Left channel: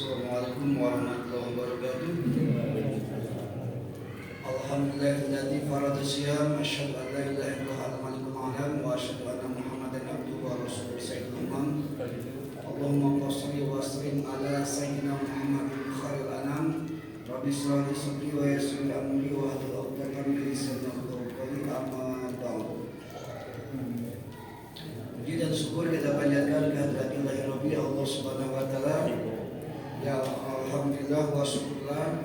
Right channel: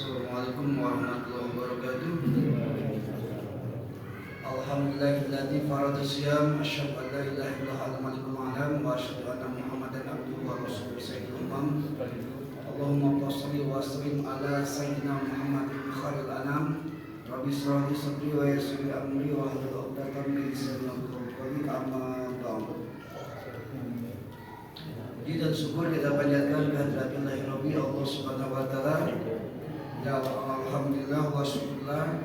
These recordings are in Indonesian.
Assalamualaikum warahmatullahi wabarakatuh. Alhamdulillahilladzi farada shiyam asyhadu an la ilaha illallah al-malikul a'lam wa asyhadu anna Muhammadan abduhu wa rasuluhu sayyidul umam. Allahumma shalli wa sallim ala sayyidina Muhammadin khairil anam. Rabbi shrah li sadri wa yassir li amri wa hlul 'uqdatam min lisani yafqahu qawli amma ba'du. Puji dan syukur kita panjatkan kehadirat Ilahi Allah Subhanahu wa taala. Ya alhamdulillah wa syukurlah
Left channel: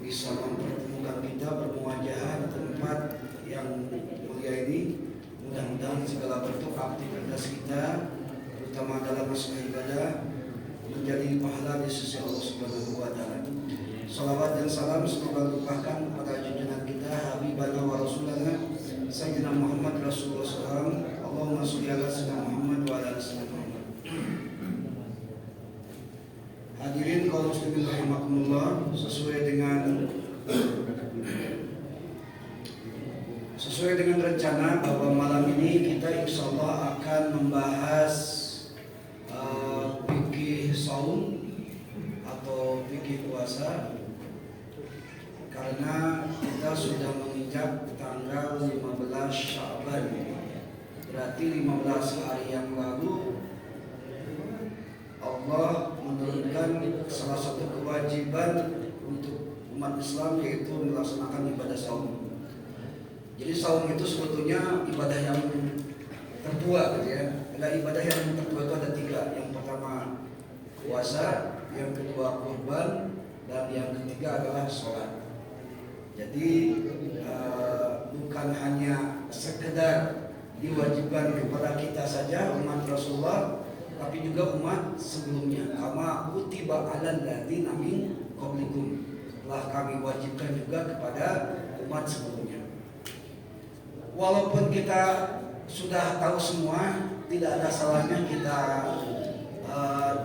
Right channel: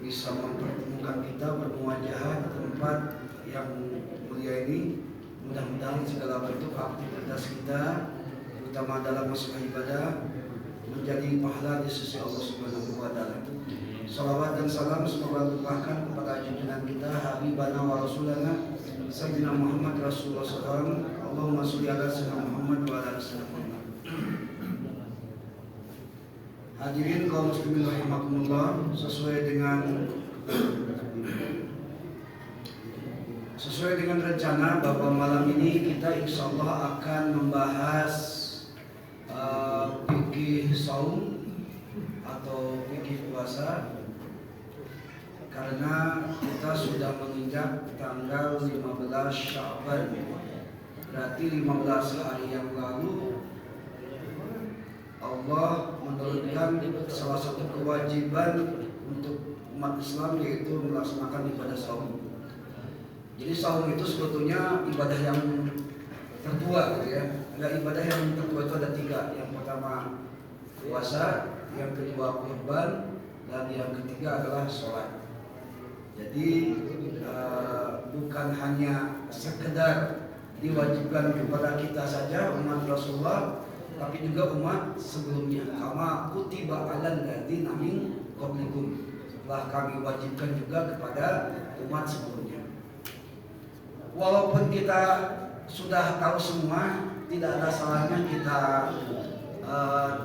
bisa mempertemukan kita bermuajah di tempat yang mulia ini. Mudah-mudahan segala bentuk aktivitas kita, terutama dalam masalah ibadah, menjadi pahala di sisi Allah Subhanahu wa taala. Salawat dan salam semoga limpahkan kepada junjungan kita Habibana wa Rasulana Sayyidina Muhammad Rasulullah SAW. Allahumma sholli ala sayyidina Muhammad wa ala sayyidina Muhammad. Hadirin kaum muslimin rahimakumullah, sesuai dengan rencana bahwa malam ini kita insya Allah akan membahas fikih saum atau fikih puasa, karena kita sudah menginjak tanggal 15 Sya'ban, berarti 15 hari yang lalu Allah menurunkan salah satu kewajiban untuk umat Islam, yaitu melaksanakan ibadah saum. Jadi saum itu sebetulnya ibadah yang tertua, gitu ya. Ada ibadah yang tertua itu ada 3. Yang pertama puasa, yang kedua kurban, dan yang ketiga adalah sholat. Jadi bukan hanya sekedar diwajibkan kepada kita saja umat Rasulullah, tapi juga umat sebelumnya. Kama kutiba alal ladzina min qablikum, telah kami wajibkan juga kepada umat sebelumnya. Walaupun kita sudah tahu semua, tidak ada salahnya kita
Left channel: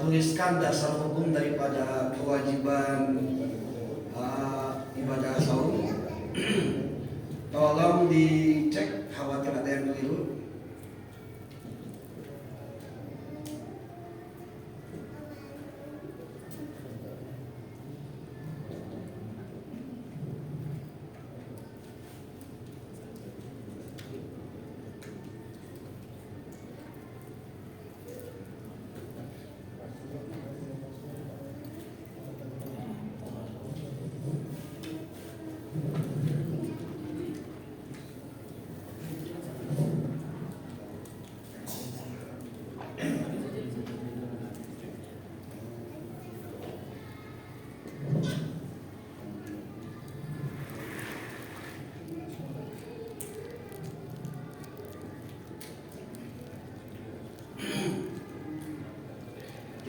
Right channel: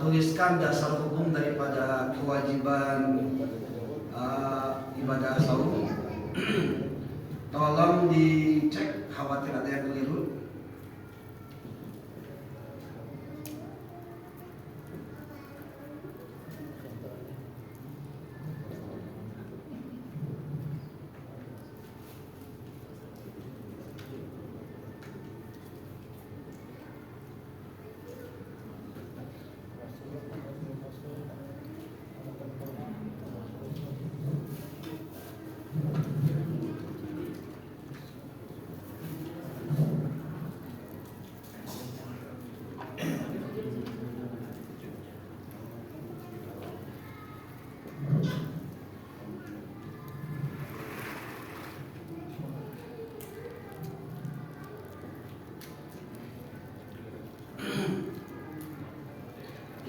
tuliskan dasar hukum daripada kewajiban ibadah saum. Tolong dicek, khawatir ada yang keliru.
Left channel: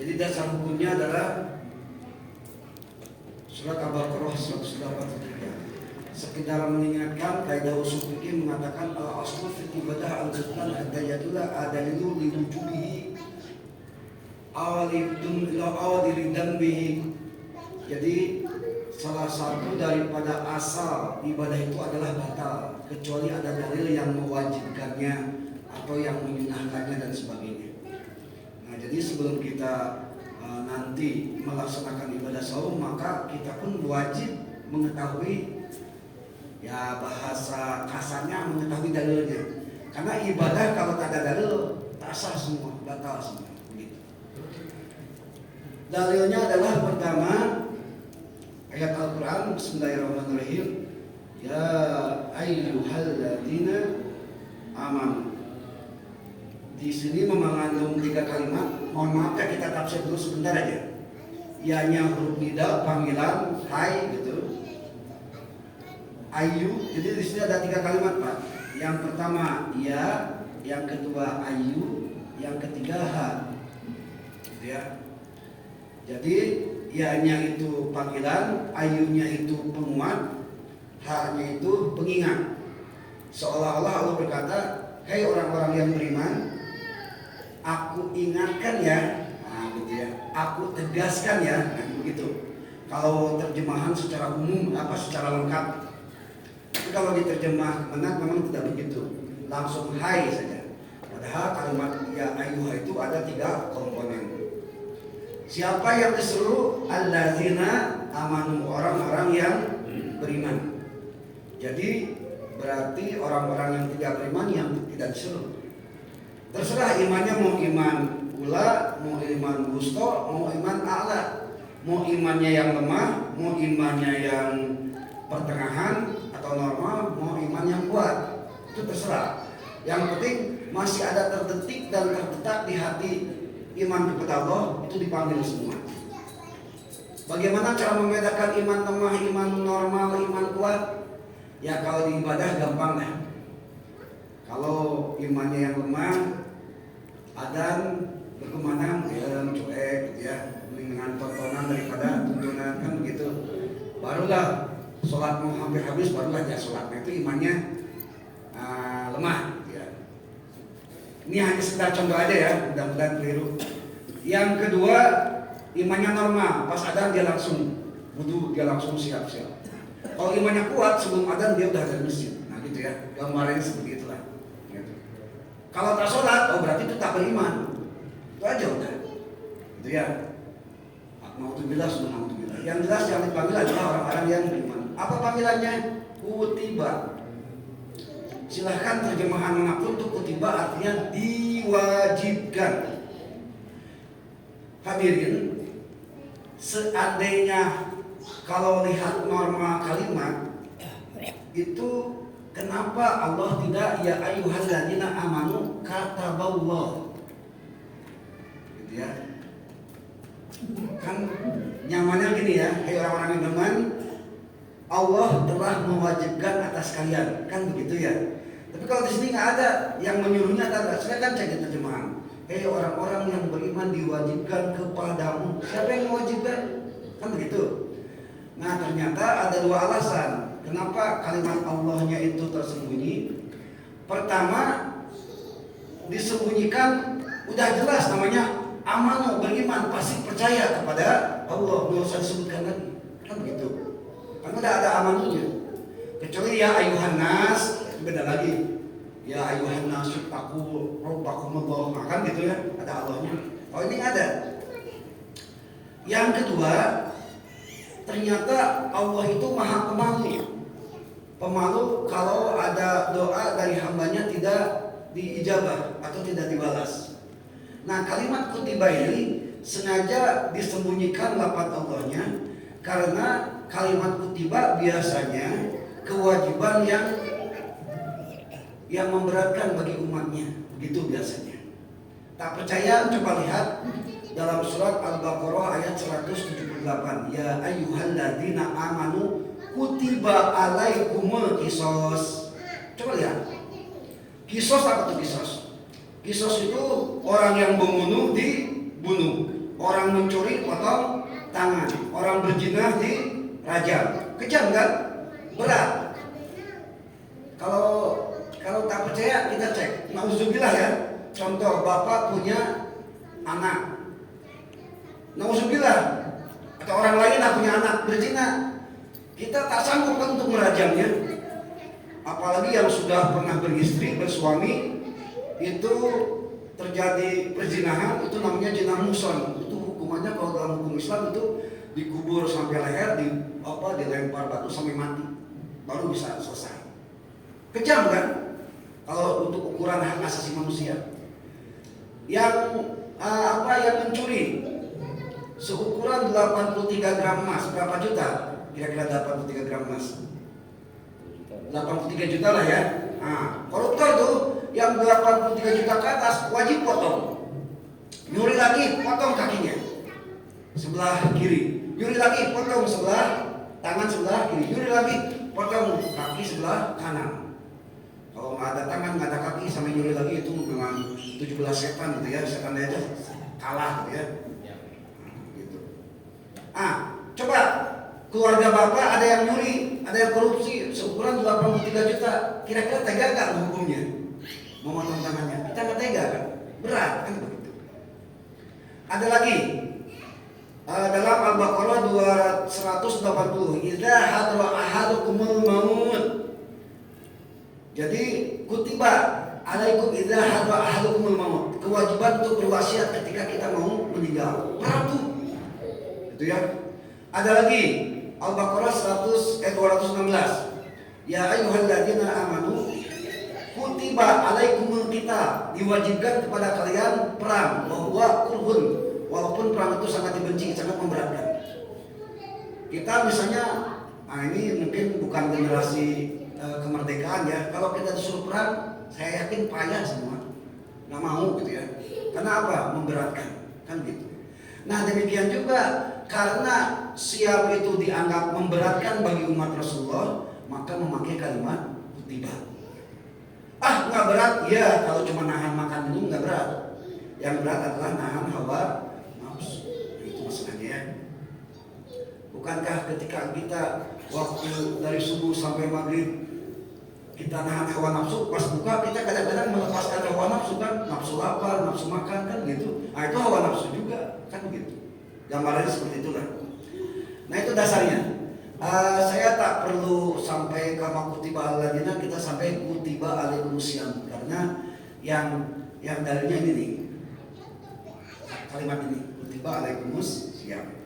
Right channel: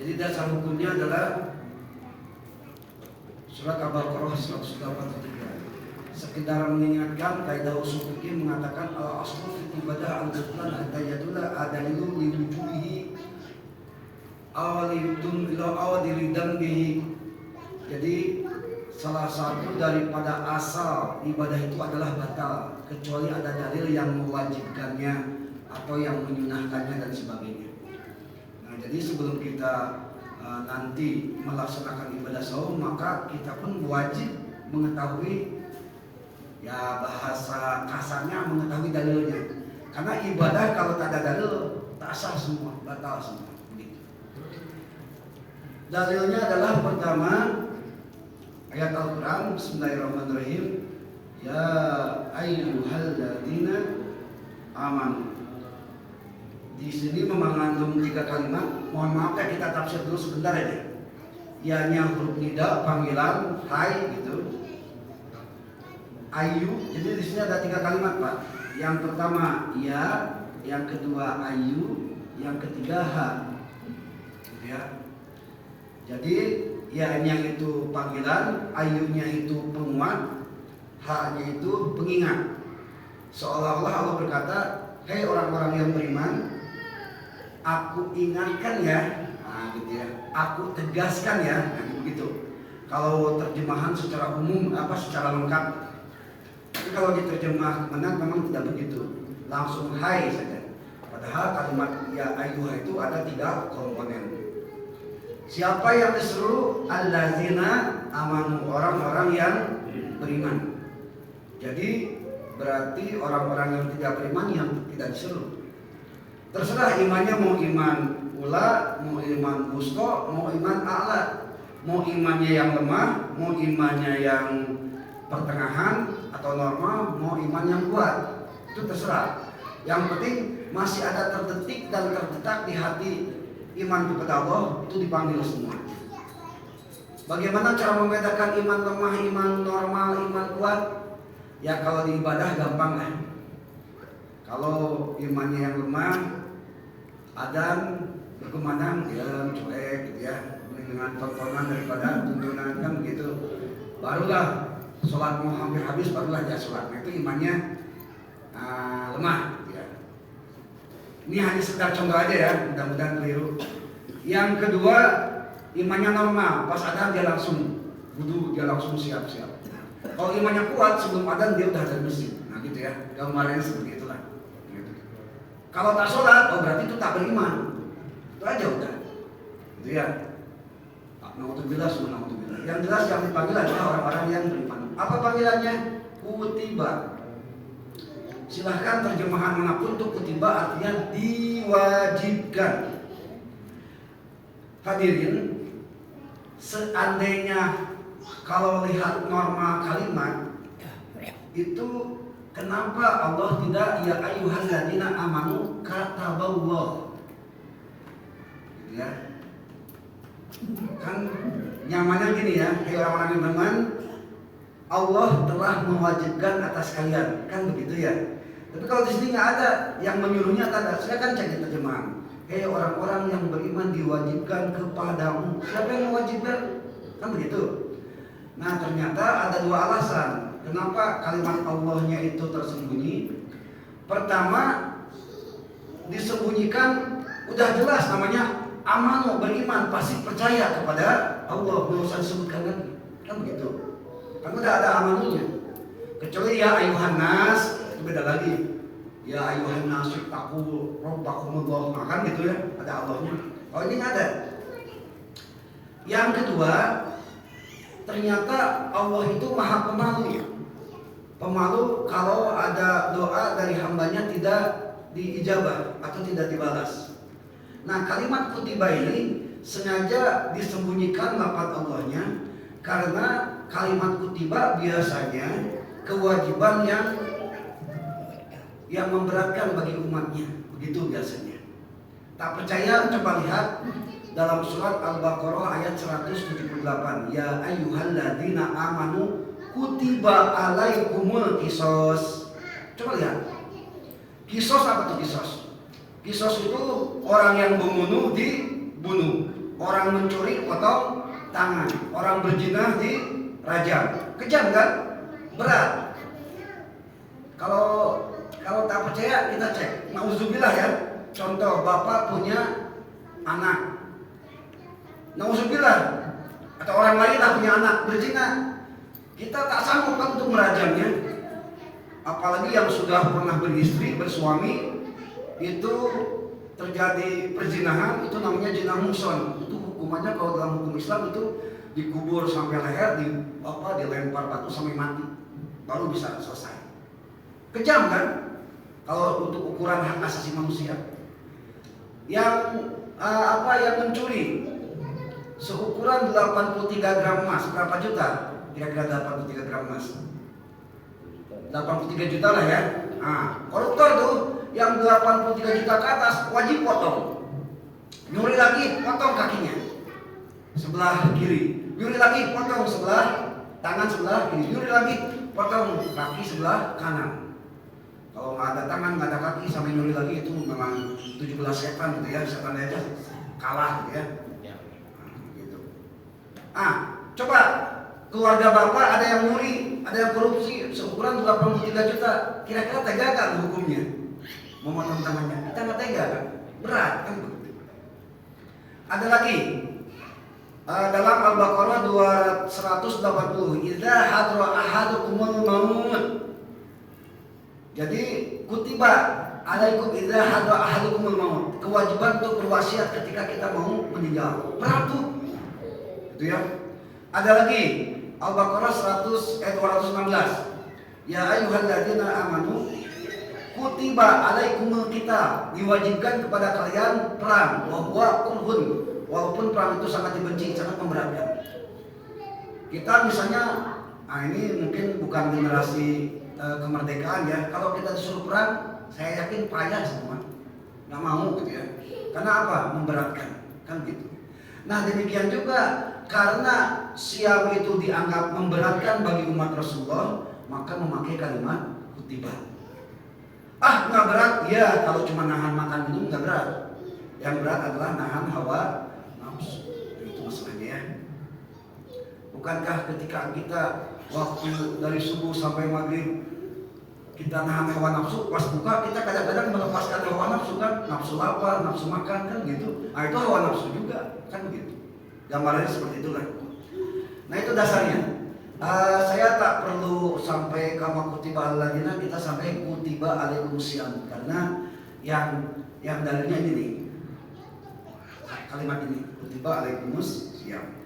Jadi dasar hukumnya adalah surat Al-Baqarah 183. Sekedar mengingatkan, kaidah usul fikih mengatakan al-aslu fi ibadah al-qur'an ad-dayatula adalilu li wujubihi awadiridam bihi. Jadi salah satu daripada asal ibadah itu adalah batal kecuali ada dalil yang mewajibkannya atau yang menyunahkannya dan sebagainya. Jadi sebelum kita nanti melaksanakan ibadah saum, maka kita pun wajib mengetahui, ya bahasa kasarnya mengetahui dalilnya. Karena ibadah kalau tak ada dalil, tak sah semua, batal semua. Begitu. Dalilnya adalah pertama ayat Al-Quran, Bismillahirrahmanirrahim. Ya ayyuhalladzina amanu. Di sini mengandung 3 kalimat. Mohon maaf ya, kita tafsir dulu sebentar aja. Ianya huruf nida, panggilan, hai gitu. Ayu. Jadi di sini ada 3 kalimat, Pak. Yang pertama ya, yang kedua ayu, yang ketiga ha. Gitu ya. Jadi ianya itu panggilan, ayunya itu penguat, ha-nya itu pengingat. Seolah-olah Allah berkata, "Hei orang-orang yang beriman, aku ingatkan ya," gitu ya, aku tegaskan ya, begitu. Kalau terjemahan secara umum secara lengkap. Tapi kalau diterjemah benar memang tidak begitu, langsung hai saja. Padahal kalimat ya ayyuha itu ada 3 komponen. Siapa yang disuruh? Allazina amanu, orang-orang yang beriman. Jadi berarti orang-orang yang tidak beriman yang tidak disuruh. Terserah imannya, mau iman ula, mau iman wusta, mau iman a'la, mau imannya yang lemah, mau imannya yang pertengahan atau normal, mau iman yang kuat, itu terserah. Yang penting masih ada terdetik dan terdetak di hati iman kepada Allah, itu dipanggil semua. Bagaimana cara membedakan iman lemah, iman normal, iman kuat? Ya kalau di ibadah gampang lah. Kalau imannya yang lemah, adan berkumandang diam cuek gitu ya, dengan tontonan daripada tuntunan kan begitu. Barulah sholat mau hampir habis, barulah dia sholat. Nah, itu imannya lemah gitu ya. Ini hanya sekedar contoh aja ya, mudah-mudahan keliru. Yang kedua, imannya normal, pas adan dia langsung wudu, dia langsung siap-siap. Kalau imannya kuat, sebelum adan dia udah dari masjid. Nah gitu ya, gambarannya seperti itulah gitu. Kalau tak sholat, oh berarti itu tak beriman. Itu aja udah gitu ya. Naudzubillah, naudzubillah. Yang jelas yang dipanggil adalah orang-orang yang beriman. Apa panggilannya? Kutiba. Silahkan terjemahan manapun untuk kutiba artinya diwajibkan. Hadirin, seandainya kalau lihat norma kalimat itu, kenapa Allah tidak ya ayyuhalladzina amanu kataballah gitu ya. Kan nyamannya gini ya, hey orang-orang yang beriman, Allah telah mewajibkan atas kalian, kan begitu ya. Tapi kalau di sini nggak ada yang menyuruhnya, tak ada. Silakan cek terjemahan. Hey orang-orang yang beriman diwajibkan kepadamu. Siapa yang mewajibkan? Kan begitu. Nah ternyata ada dua alasan kenapa kalimat Allahnya itu tersembunyi. Pertama, disembunyikan udah jelas namanya amanu, beriman, pasti percaya kepada Allah, nggak usah disebutkan lagi, kan begitu. Kan udah ada amanunya. Kecuali ya ayuhan nas, itu beda lagi. Ya ayuhan nas aku rabbakumullah, kan gitu ya, ada Allahnya. Oh ini ada. Yang kedua, ternyata Allah itu maha pemalu. Pemalu kalau ada doa dari hambanya tidak diijabah atau tidak dibalas. Nah kalimat kutiba ini sengaja disembunyikan lafaz Allahnya, karena kalimat kutiba biasanya kewajiban yang memberatkan bagi umatnya, begitu biasanya. Tak percaya, coba lihat dalam surat Al-Baqarah ayat 178. Ya ayyuhalladzina amanu kutiba alaikumul qisas. Coba lihat. Qisas apa tuh qisas? Qisas itu orang yang membunuh dibunuh, orang mencuri potong tangan, orang berzina dirajam. Kejam kan? Berat. Kalau tak percaya kita cek. Nauzubillah ya. Contoh, bapak punya anak, nauzubillah, atau orang lain lah punya anak berzina, kita tak sanggup kan untuk merajamnya. Apalagi yang sudah pernah beristri, bersuami, itu terjadi perzinahan, itu namanya zina muhsan. Itu hukumannya kalau dalam hukum Islam itu dikubur sampai leher, dilempar batu sampai mati, baru bisa selesai. Kejam kan? Kalau untuk ukuran hak asasi manusia. Yang mencuri seukuran 83 gram emas, berapa juta? Kira-kira 83 gram emas, 83 juta lah ya. Nah, koruptor tuh yang 83 juta ke atas wajib potong. Nyuri lagi, potong kakinya sebelah kiri. Nyuri lagi, potong sebelah tangan sebelah kiri. Nyuri lagi, potong kaki sebelah kanan. Kalau nggak ada tangan, nggak ada kaki, sampai nyuri lagi, itu memang 17 setan gitu ya, setan aja kalah gitu ya. Gitu. Coba keluarga bapak ada yang nyuri, ada yang korupsi seukuran 83 juta, kira-kira tega nggak hukumnya? Memotong tangannya, kita nggak tega kan? Berat kan begitu. Ada lagi dalam Al-Baqarah 280, idza hadra ahadukumul maut. Jadi kutiba alaikum idza hadra ahadukumul maut, kewajiban untuk berwasiat ketika kita mau meninggal. Berat tuh. Gitu ya. Ada lagi Al-Baqarah 216. Ya ayyuhalladzina amanu kutiba alaikumul qital, diwajibkan kepada kalian perang, bahwa kurhun, walaupun perang itu sangat dibenci, sangat memberatkan. Kita misalnya, ini mungkin bukan generasi kemerdekaan ya. Kalau kita disuruh perang, saya yakin payah semua, nggak mau gitu ya. Karena apa? Memberatkan, kan gitu. Nah demikian juga karena siam itu dianggap memberatkan bagi umat Rasulullah, maka memakai kalimat kutiba. Nggak berat, ya kalau cuma nahan makan minum nggak berat. Yang berat adalah nahan hawa nafsu. Itu masalahnya ya. Bukankah ketika kita waktu dari subuh sampai maghrib kita nahan hawa nafsu, pas buka kita kadang-kadang melepaskan hawa nafsu kan, nafsu lapar, nafsu makan kan gitu. Itu hawa nafsu juga kan gitu. Gambarannya seperti itulah. Nah itu dasarnya. Saya tak perlu sampai kama kutiba alladzina, kita sampai kutiba alaikumusiyam, karena yang dalilnya ini nih, kalimat ini kutiba alaikumusiyam.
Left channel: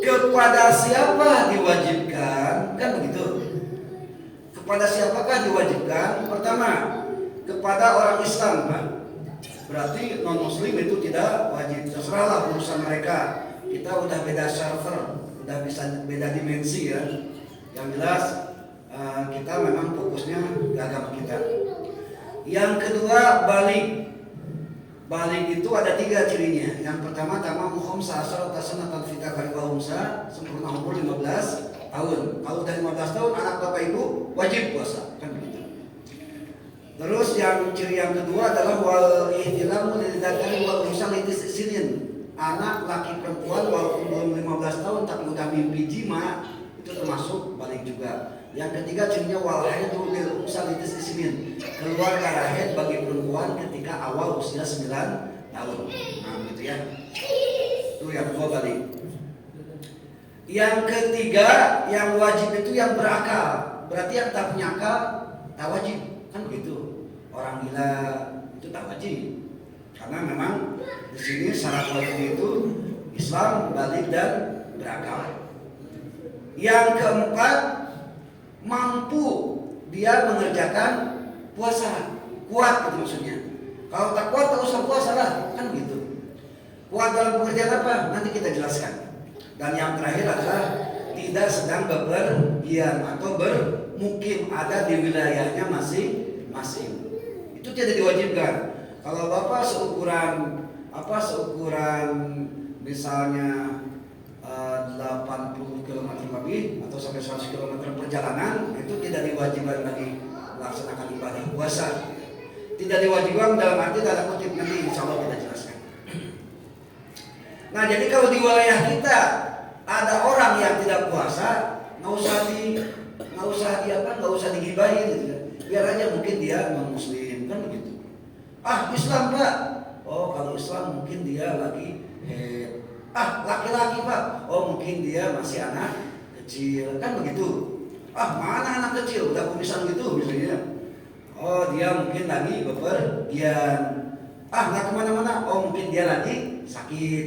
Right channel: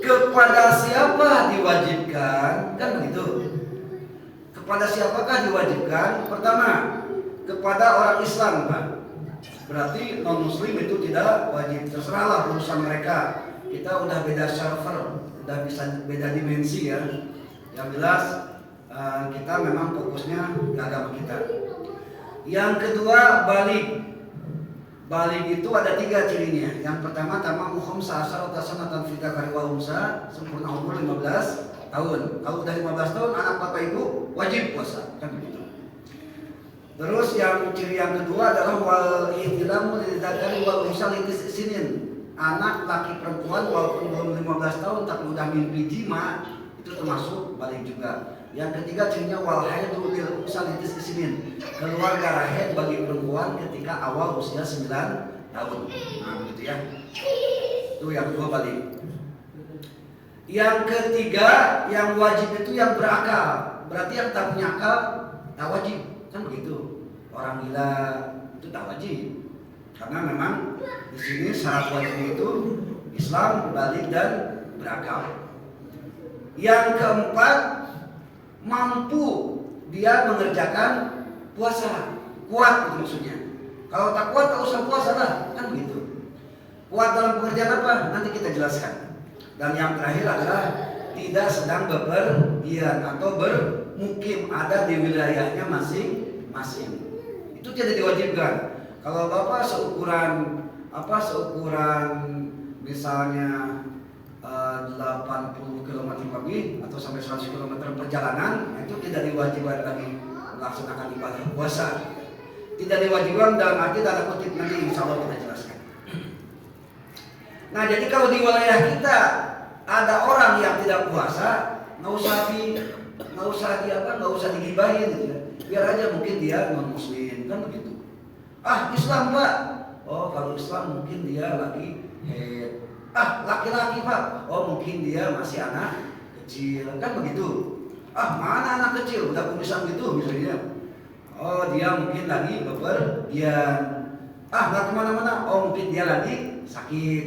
Kepada siapa diwajibkan? Kan begitu. Kepada siapakah diwajibkan? Pertama, kepada orang Islam kan. Berarti non muslim itu tidak wajib. Terserahlah urusan mereka. Kita udah beda server, udah bisa beda dimensi ya. Yang jelas kita memang fokusnya di agama kita. Yang kedua, balik. Balik itu ada 3 cirinya. Yang pertama, tamam khamsa asyara sanatan fi dzakari wal unsa, sempurna umur 15 tahun. Kalau udah 15 tahun anak bapak ibu wajib puasa, kan begitu. Terus yang ciri yang kedua adalah wal ihtilamu lil dzakari wal unsa litisinin. Anak laki perempuan walaupun belum 15 tahun tapi udah mimpi jima, itu termasuk balik juga. Yang ketiga cirinya wal haidu lil unsa litisinin. Keluar darah haid bagi perempuan ketika awal usia 9 tahun. Nah, begitu ya. Itu yang kedua balik. Yang ketiga yang wajib itu yang berakal. Berarti yang tak punya akal tak wajib, kan begitu. Orang gila itu tak wajib. Karena memang di sini syarat wajib itu Islam, balik dan berakal. Yang keempat, mampu dia mengerjakan puasa, kuat itu maksudnya. Kalau tak kuat tak usah puasa lah, kan begitu. Kuat dalam pengerjaan apa? Nanti kita jelaskan. Dan yang terakhir adalah tidak sedang bepergian atau bermukim, ada di wilayahnya masing-masing. Itu tidak diwajibkan. Kalau bapak seukuran misalnya 80 km lebih atau sampai 100 km perjalanan, itu tidak diwajibkan lagi melaksanakan ibadah puasa. Tidak diwajibkan dalam arti tanda kutip, nanti insya Allah kita jelaskan. Nah jadi kalau di wilayah kita ada orang yang tidak puasa, nggak usah digibahin gitu ya. Biar aja mungkin dia non muslim, kan begitu. Islam pak, kalau Islam mungkin dia lagi head. Laki-laki pak, mungkin dia masih anak kecil, kan begitu. Mana anak kecil, udah kumisan gitu misalnya. Dia mungkin lagi bepergian. Nggak kemana-mana, mungkin dia lagi sakit.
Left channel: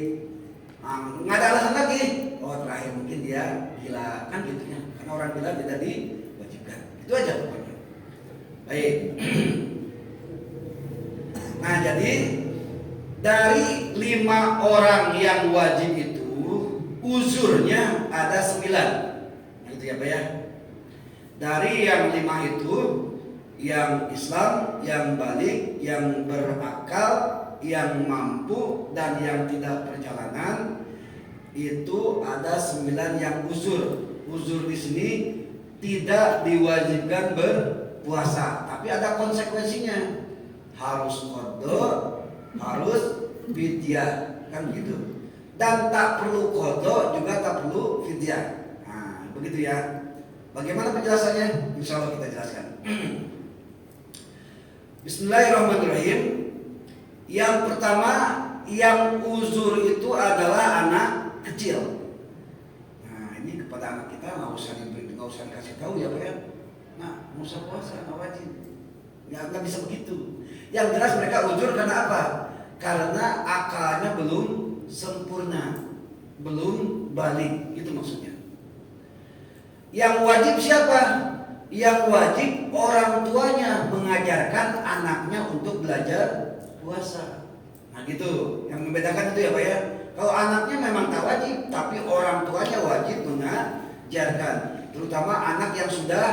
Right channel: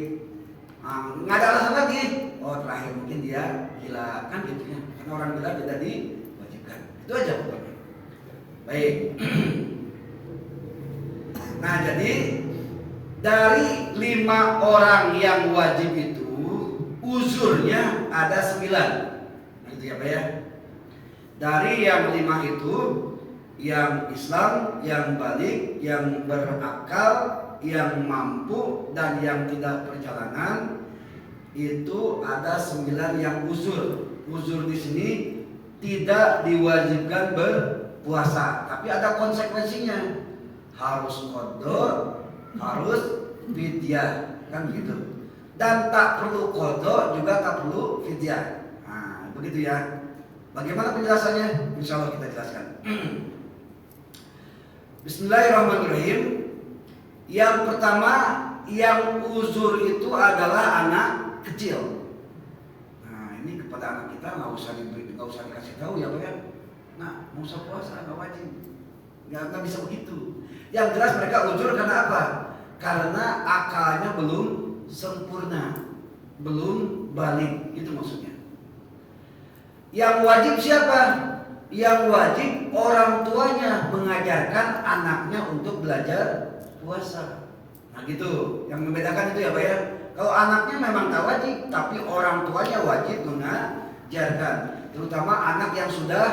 Nggak ada alasan lagi. Terakhir mungkin dia gila, kan gitunya. Karena orang gila tidak diwajibkan. Itu aja pokoknya. Baik. Nah jadi dari 5 orang yang wajib itu uzurnya ada 9. Nah itu ya Pak ya. Dari yang 5 itu, yang Islam, yang balik, yang berakal, yang mampu, dan yang tidak perjalanan, itu ada 9 yang uzur. Uzur di sini tidak diwajibkan berpuasa, tapi ada konsekuensinya. Harus qadha, harus fidyah, kan begitu. Dan tak perlu qadha juga tak perlu fidyah. Nah, begitu ya. Bagaimana penjelasannya? Insya Allah kita jelaskan. Bismillahirrahmanirrahim. Yang pertama, yang uzur itu adalah anak kecil. Nah, ini kepada anak kita nggak usah dikasih tahu ya Pak ya. Nah, nggak usah puasa, nggak wajib. Nggak bisa begitu. Yang jelas mereka uzur karena apa? Karena akalnya belum sempurna, belum balik, itu maksudnya. Yang wajib siapa? Yang wajib orang tuanya mengajarkan anaknya untuk belajar puasa. Nah gitu, yang membedakan itu ya Pak ya. Kalau anaknya memang tak wajib, tapi orang tuanya wajib mengajarkan. Terutama anak yang sudah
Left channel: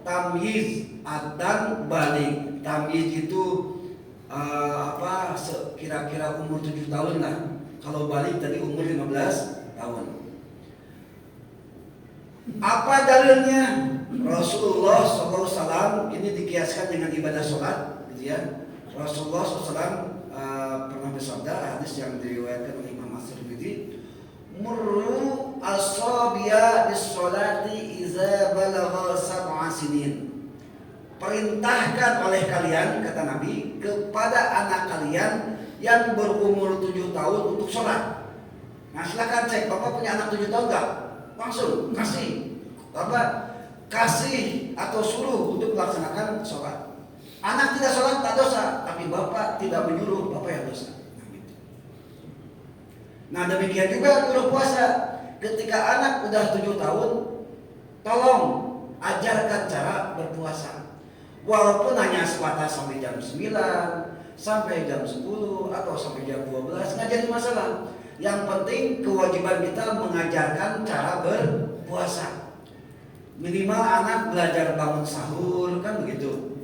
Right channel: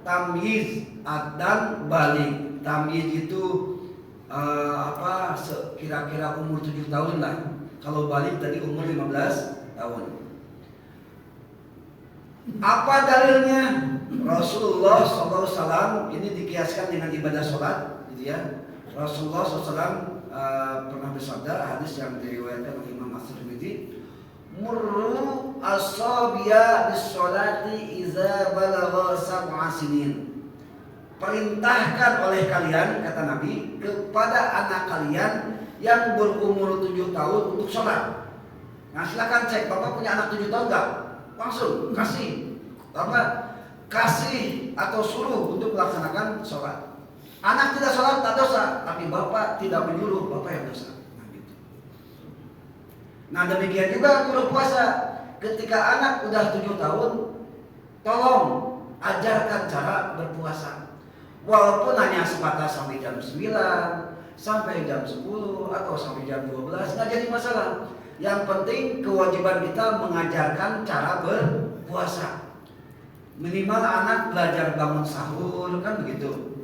tamyiz dan balik. Tamyiz itu kira-kira umur 7 tahun lah. Kalau balik tadi umur 15 tahun. Apa dalilnya? Rasulullah SAW ini dikiaskan dengan ibadah sholat, gitu ya. Rasulullah SAW pernah bersabda, hadis yang diriwayatkan oleh Imam At-Tirmidzi, murru as-sabiya bis-sholati iza balagha sab'a sinin. Perintahkan oleh kalian, kata Nabi, kepada anak kalian yang berumur 7 tahun untuk sholat. Nah silakan cek, Bapak punya anak 7 tahun enggak? Langsung kasih kasih atau suruh untuk melaksanakan sholat. Anak tidak sholat tak dosa, tapi Bapak tidak menyuruh, Bapak yang dosa. Nah demikian juga guru puasa. Ketika anak udah 7 tahun, tolong ajarkan cara berpuasa. Walaupun hanya sebatas sampai jam 9, sampai jam 10 atau sampai jam 12, nggak jadi masalah. Yang penting kewajiban kita mengajarkan cara berpuasa. Minimal anak belajar bangun sahur, kan begitu.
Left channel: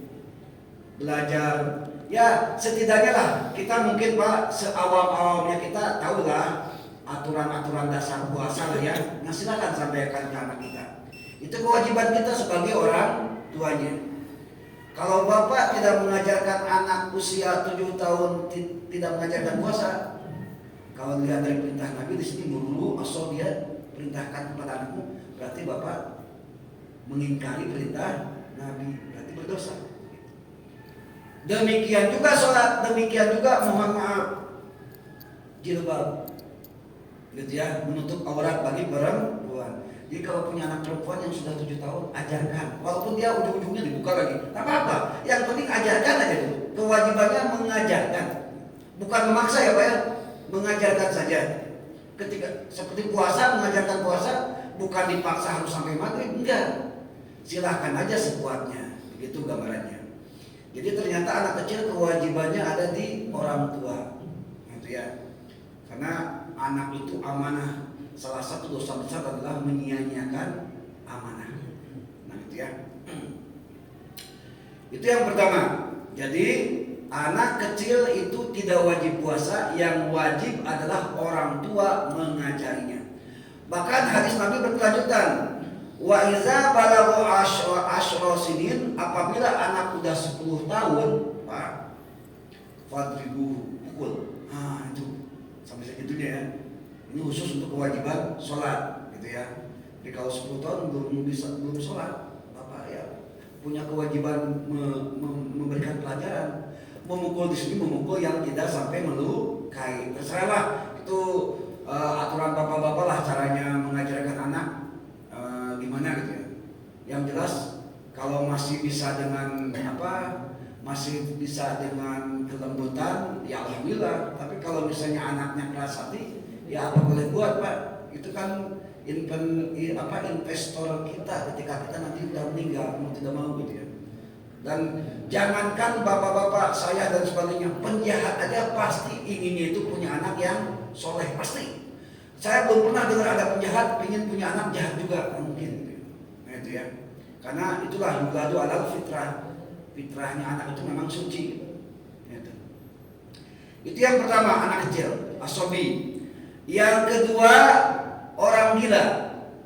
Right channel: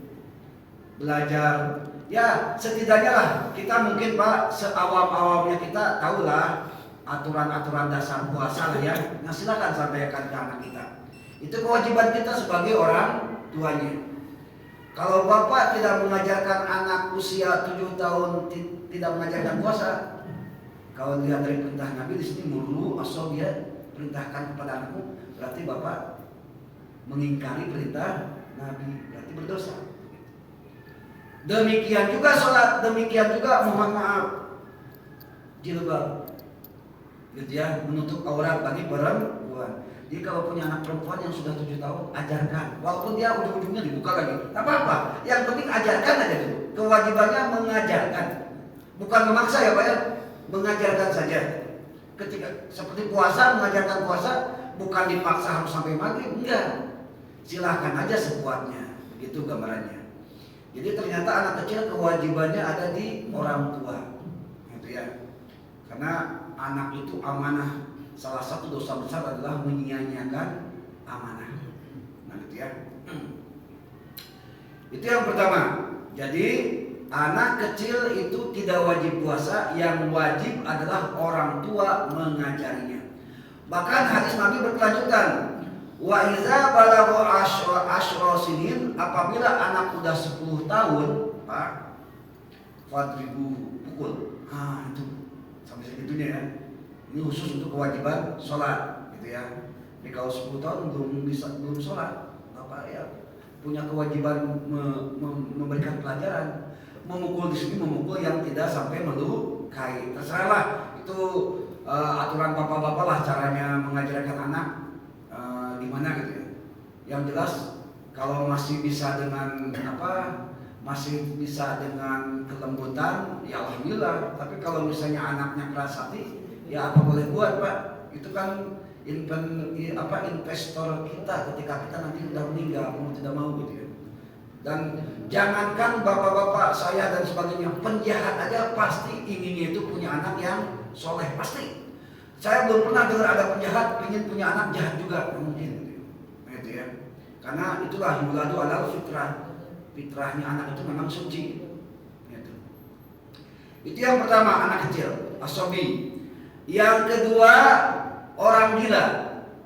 Belajar, ya setidaknya lah kita mungkin Pak seawam-awamnya kita tahulah aturan-aturan dasar puasa lah ya. Nah silakan sampaikan ke anak kita. Itu kewajiban kita sebagai orang tuanya. Kalau Bapak tidak mengajarkan anak usia 7 tahun tidak mengajarkan puasa, kalau lihat dari perintah Nabi di sini murnu as-sabiya, perintahkan kepada anakmu, berarti Bapak mengingkari perintah Nabi, berarti berdosa. Demikian juga sholat, demikian juga mohon maaf jilbab, gitu ya, menutup aurat bagi perempuan. Jadi kalau punya anak perempuan yang sudah 7 tahun, ajarkan. Walaupun dia ujung-ujungnya dibuka lagi, tak apa-apa. Yang penting ajarkan aja dulu. Kewajibannya mengajarkan, bukan memaksa ya Pak ya, mengajarkan saja. Ketika seperti puasa, mengajarkan puasa, bukan dipaksa harus sampai maghrib, enggak. Silahkan aja sekuatnya, begitu gambarannya. Jadi ternyata anak kecil kewajibannya ada di orang tua, gitu ya. Karena anak itu amanah. Salah satu dosa besar adalah menyia-nyiakan amanah. Nah, gitu ya. Itu yang pertama. Jadi anak kecil itu tidak wajib puasa, yang wajib adalah orang tua mengajarinya. Bahkan hadis Nabi berkelanjutan. Wa iza balagha asyra sinin, apabila anak udah 10 tahun, Pak, fadribu, pukul. Ah, itu sampai segitunya ya. Ini khusus untuk kewajiban sholat, gitu ya. Jadi kalau 10 tahun belum sholat, Bapak ya punya kewajiban memberikan pelajaran. Memukul di sini memukul yang tidak sampai melukai. Terserahlah itu aturan bapak-bapak lah caranya mengajarkan anak. Gimana gitu ya. Yang jelas kalau masih bisa dengan masih bisa dengan kelembutan, ya alhamdulillah. Tapi kalau misalnya anaknya keras hati, ya apa boleh buat Pak. Itu kan investor kita ketika kita nanti udah meninggal, mau tidak mau gitu ya. Dan jangankan bapak-bapak saya dan sebagainya, penjahat aja pasti inginnya itu punya anak yang soleh, pasti. Saya belum pernah dengar ada penjahat ingin punya anak jahat juga, mungkin. Nah, itu ya. Karena itulah yuladu alal fitrah. Fitrahnya anak itu memang suci. Itu yang pertama, anak kecil, asobi. Yang kedua, orang gila.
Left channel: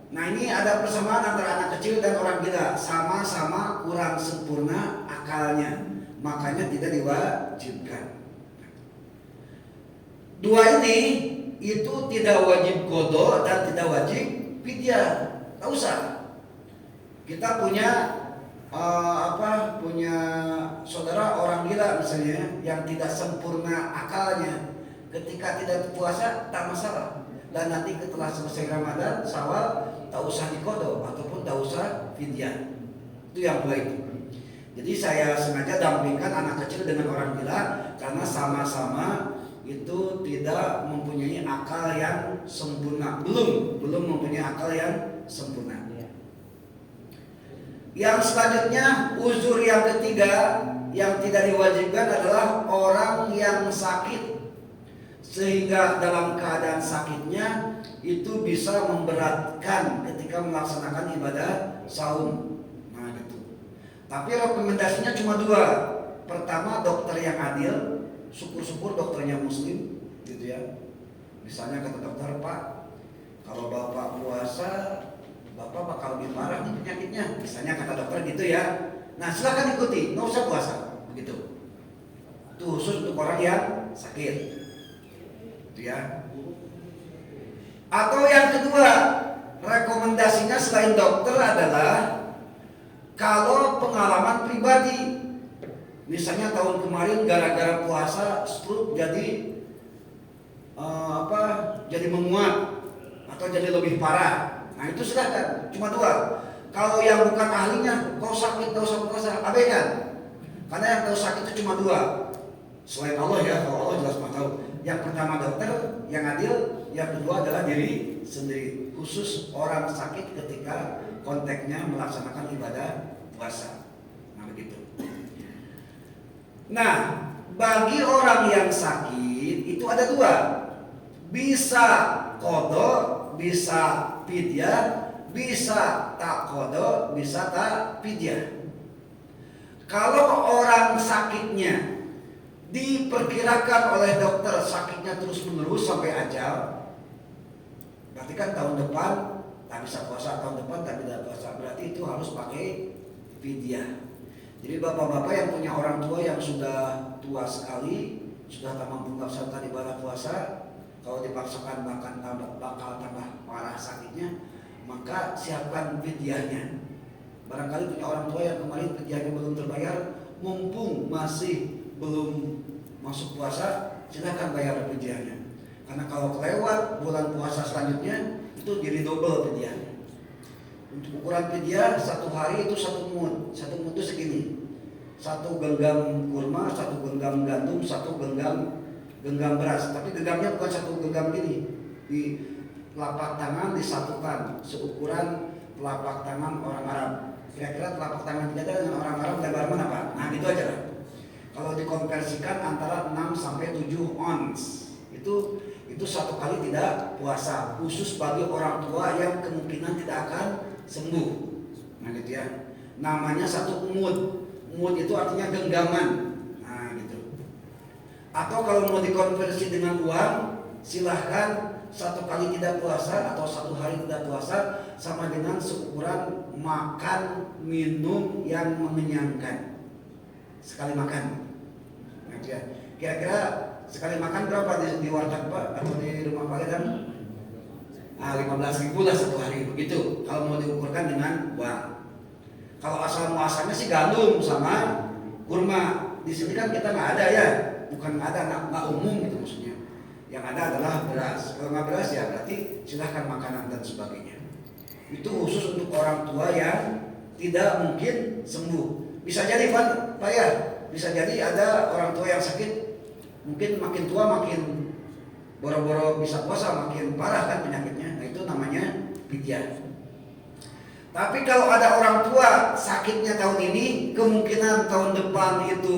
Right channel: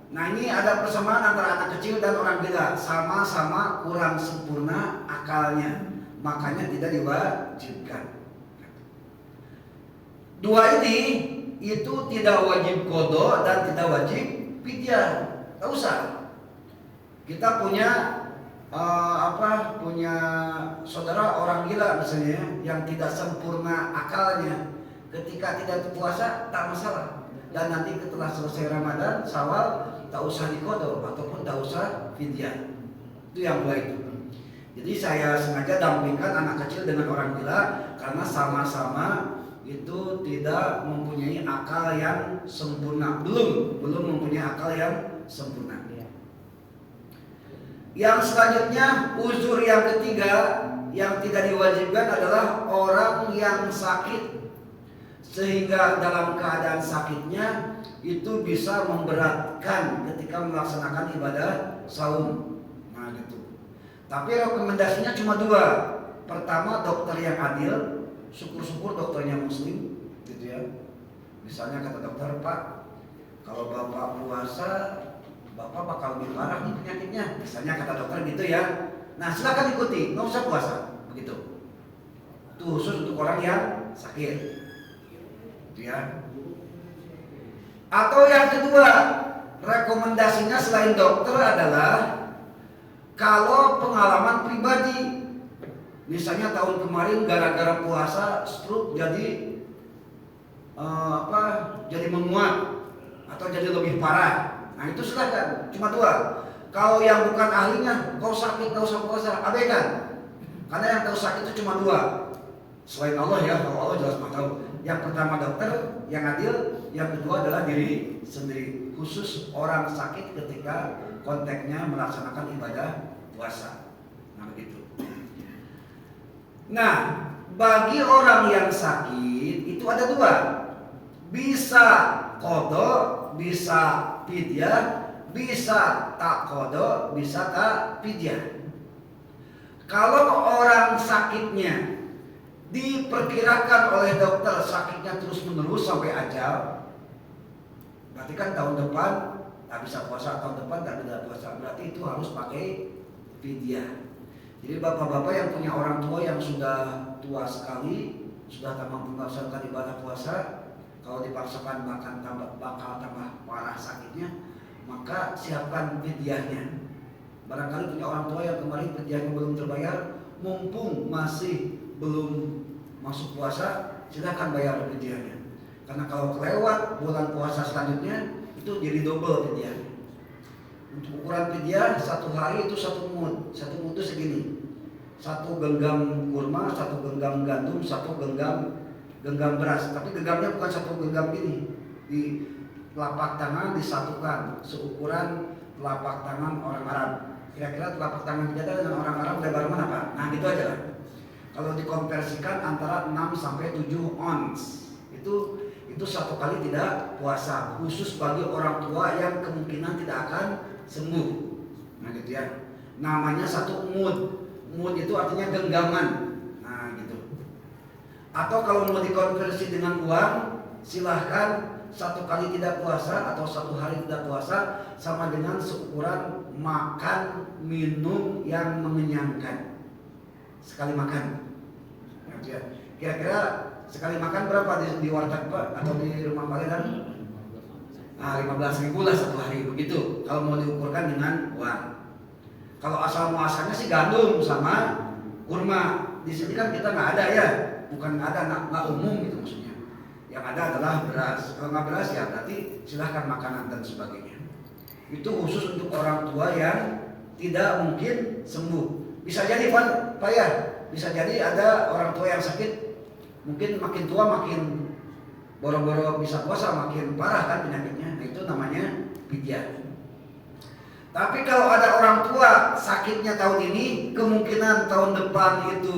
Nah ini ada persamaan antara anak kecil dan orang gila. Sama-sama kurang sempurna akalnya, makanya tidak diwajibkan. Dua ini itu tidak wajib qada dan tidak wajib fidyah. Tak usah. Kita punya punya saudara orang gila misalnya yang tidak sempurna akalnya, ketika tidak puasa tak masalah, dan nanti setelah selesai Ramadan Syawal tak usah diqada ataupun tak usah fidyah. Itu yang dua itu. Jadi saya sengaja dampingkan anak kecil dengan orang gila karena sama-sama itu tidak mempunyai akal yang sempurna, belum mempunyai akal yang sempurna. Yang selanjutnya, uzur yang ketiga yang tidak diwajibkan adalah orang yang sakit, sehingga dalam keadaan sakitnya itu bisa memberatkan ketika melaksanakan ibadah saum. Nah gitu. Tapi rekomendasinya cuma dua. Pertama, dokter yang adil, syukur-syukur dokternya muslim, gitu ya. Misalnya kata dokter, Pak, kalau bapak puasa, bapak bakal lebih parah nih penyakitnya. Misalnya kata dokter gitu ya. Nah silakan ikuti, nggak usah puasa, begitu. Itu khusus untuk orang yang sakit, gitu ya. Atau yang kedua, rekomendasinya selain dokter adalah kalau pengalaman pribadi. Misalnya tahun kemarin gara-gara puasa stroke jadi jadi menguat atau jadi lebih parah. Nah itu silakan, cuma dua. Kalau yang bukan ahlinya, kau sakit kau usah puasa, abaikan. Karena yang kau sakit itu cuma dua. Selain Allah ya, kalau Allah jelas mah tahu. Yang pertama dokter yang adil, yang kedua adalah diri sendiri. Khusus orang sakit ketika konteksnya melaksanakan ibadah puasa. Nah begitu. Nah, bagi orang yang sakit itu ada dua. Bisa qadha, bisa fidyah, bisa tak qadha, bisa tak fidyah. Kalau orang sakitnya diperkirakan oleh dokter sakitnya terus menerus sampai ajal, berarti kan tahun depan tak bisa puasa, tahun depan tak bisa puasa, berarti itu harus pakai fidyah. Jadi bapak-bapak yang punya orang tua yang sudah tua sekali, sudah tak mampu melaksanakan ibadah puasa, kalau dipaksakan bakal tambah parah sakitnya, maka siapkan fidyahnya. Barangkali punya orang tua yang kemarin fidyahnya belum terbayar, mumpung masih belum masuk puasa, silakan bayar fidyahnya. Karena kalau kelewat bulan puasa selanjutnya itu jadi double fidyahnya. Untuk ukuran fidyah satu hari itu satu mud itu segini. Satu genggam kurma, satu genggam gandum, satu genggam beras. Tapi genggamnya bukan satu genggam gini. Di telapak tangan disatukan seukuran telapak tangan orang Arab. Kira-kira telapak tangan kita dengan orang Arab lebar mana Pak? Nah gitu aja lah. Kalau dikonversikan antara 6 sampai 7 ons. Itu satu kali tidak puasa, khusus bagi orang tua yang kemungkinan tidak akan sembuh. Nah gitu ya. Namanya satu mud. Mud itu artinya genggaman. Nah gitu. Atau kalau mau dikonversi dengan uang, silahkan satu kali tidak puasa atau satu hari tidak puasa sama dengan seukuran makan minum yang mengenyangkan. Sekali makan. Nah, gitu ya. Kira-kira sekali makan berapa di warteg Pak atau di rumah Pak Gedang? 15.000 lah satu hari begitu. Kalau mau diukurkan dengan uang. Kalau asal muasalnya sih gandum sama kurma. Di sini kan kita nggak ada ya, bukan nggak ada, nggak umum gitu maksudnya. Yang ada adalah beras. Kalau nggak beras ya berarti silahkan makanan dan sebagainya. Itu khusus untuk orang tua yang tidak mungkin sembuh. Bisa jadi Pak ya, bisa jadi ada orang tua yang sakit. Mungkin makin tua makin boro-boro bisa puasa makin parah kan penyakitnya. Nah itu namanya fidyah. Tapi kalau ada orang tua sakitnya tahun ini, kemungkinan tahun depan itu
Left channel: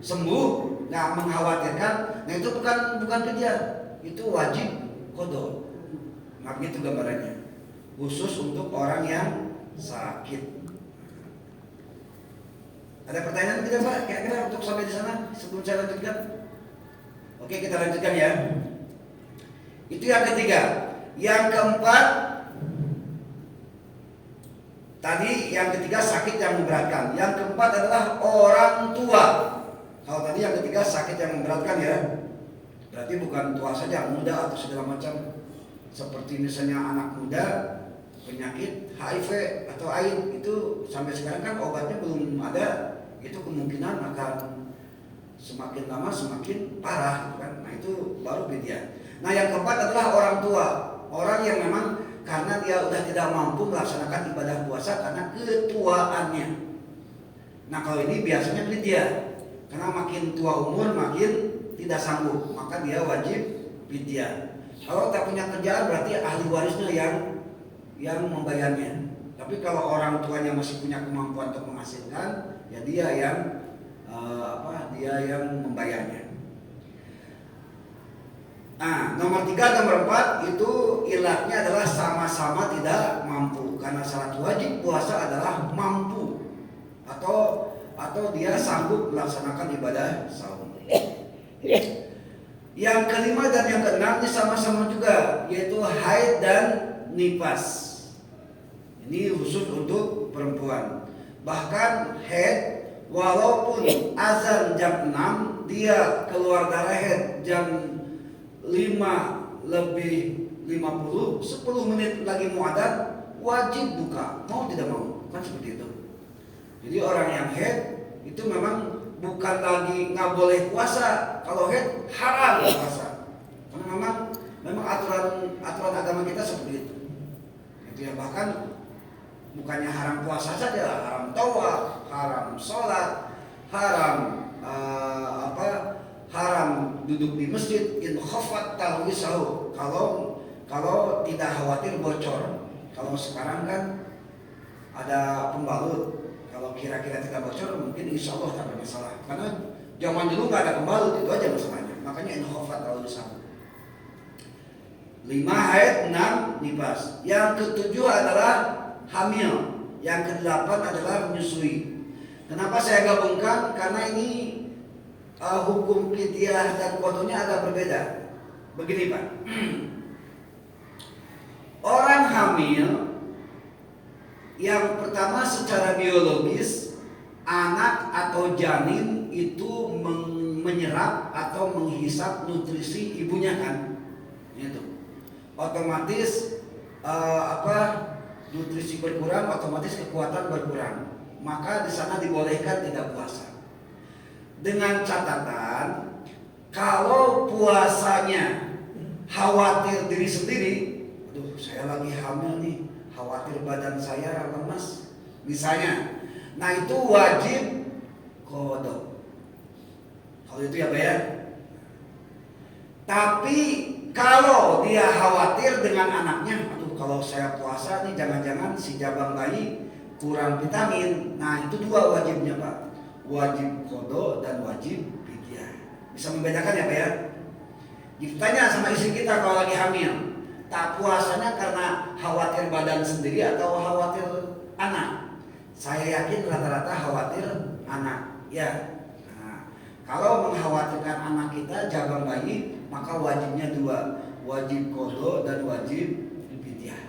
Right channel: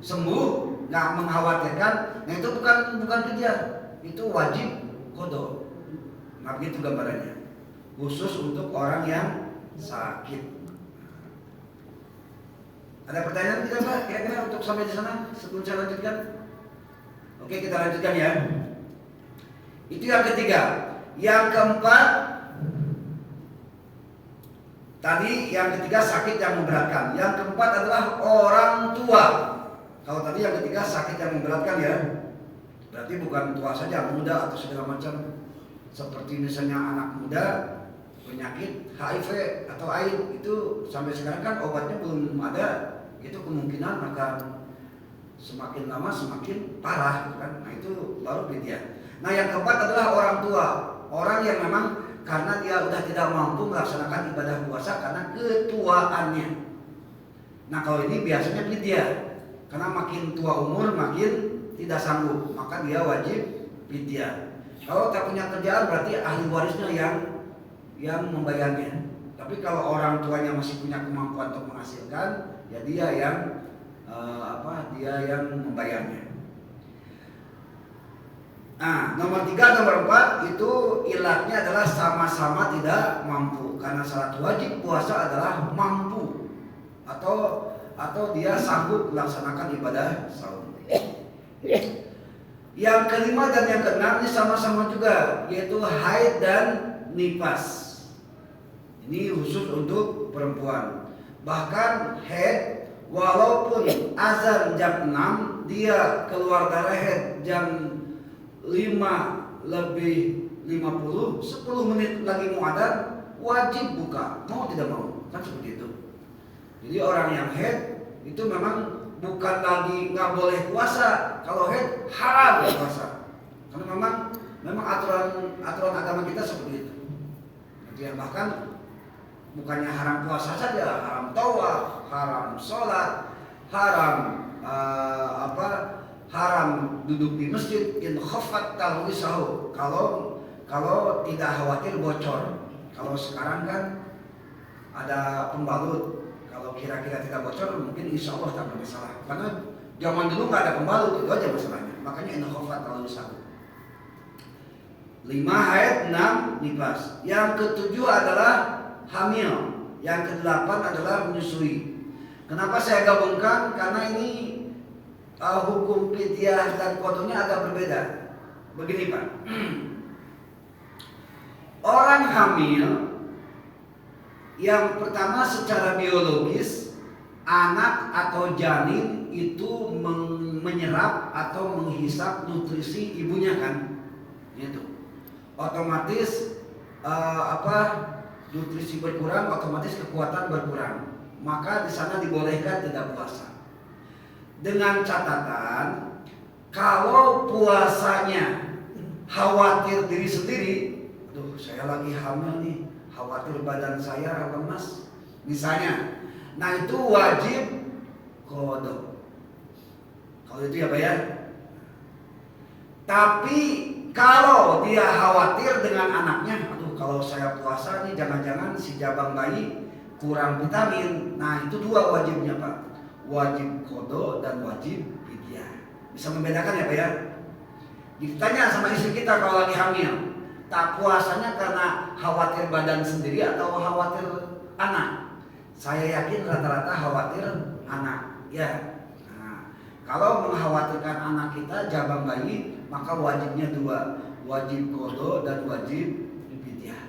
sembuh, nggak mengkhawatirkan. Nah itu bukan fidyah, itu wajib qadha. Nah begitu gambarannya. Khusus untuk orang yang sakit. Ada pertanyaan tidak Pak? Kira-kira untuk sampai di sana sebelum saya lanjutkan? Oke kita lanjutkan ya. Itu yang ketiga. Yang keempat, tadi yang ketiga sakit yang memberatkan. Yang keempat adalah orang tua. Kalau tadi yang ketiga sakit yang memberatkan ya, berarti bukan tua saja, muda atau segala macam. Seperti misalnya anak muda penyakit HIV atau AIDS itu sampai sekarang kan obatnya belum ada. Itu kemungkinan akan semakin lama semakin parah kan. Nah itu baru fidyah. Nah yang keempat adalah orang tua. Orang yang memang karena dia udah tidak mampu melaksanakan ibadah puasa karena ketuaannya. Nah kalau ini biasanya fidyah. Karena makin tua umur makin tidak sanggup, maka dia wajib fidyah. Kalau tak punya kerjaan berarti ahli warisnya yang membayarnya. Tapi kalau orang tuanya masih punya kemampuan untuk menghasilkan, ya dia yang membayarnya. Nah, nomor 3, nomor 4 itu ilatnya adalah sama-sama tidak mampu. Karena syarat wajib puasa adalah mampu atau dia sanggup melaksanakan ibadah saum. Yang kelima dan yang keenam ini sama-sama juga, yaitu haid dan nifas. Ini khusus untuk perempuan. Bahkan haid walaupun azan jam 6, dia keluar darah haid jam 5 lebih 50, 10 menit lagi mau adzan, wajib buka, mau tidak mau, kan seperti itu. Jadi orang yang haid itu memang bukan lagi nggak boleh puasa, kalau haid haram puasa, karena memang aturan agama kita seperti itu. Jadi bahkan bukannya haram puasa saja, haram tawaf, haram sholat, haram haram duduk di masjid in khafat talwisahu, kalau tidak khawatir bocor. Kalau sekarang kan ada pembalut, kalau kira-kira tidak bocor mungkin insya Allah tak bermasalah. Karena zaman dulu nggak ada pembalut, itu aja masalahnya. Makanya in khafat talwisahu. 5 haid, 6 nifas. Yang ketujuh adalah hamil. Yang ke-8 adalah menyusui. Kenapa saya gabungkan? Karena ini hukum fidyah dan qadhonya agak berbeda. Begini Pak, orang hamil yang pertama secara biologis, anak atau janin itu menyerap atau menghisap nutrisi ibunya kan, itu otomatis nutrisi berkurang, otomatis kekuatan berkurang, maka di sana dibolehkan tidak puasa. Dengan catatan, kalau puasanya khawatir diri sendiri, aduh saya lagi hamil nih, khawatir badan saya lemas, misalnya, nah itu wajib qadha. Kalau itu ya Pak ya. Tapi kalau dia khawatir dengan anaknya, aduh kalau saya puasa nih jangan-jangan si jabang bayi kurang vitamin, nah itu 2 wajibnya Pak. Wajib qadha dan wajib fidyah. Bisa membedakan ya Pak ya. Ditanya sama istri kita kalau lagi hamil, tak puasanya karena khawatir badan sendiri atau khawatir anak? Saya yakin rata-rata khawatir anak ya. Nah, kalau mengkhawatirkan anak kita jabang bayi, maka wajibnya 2, wajib qadha dan wajib fidyah.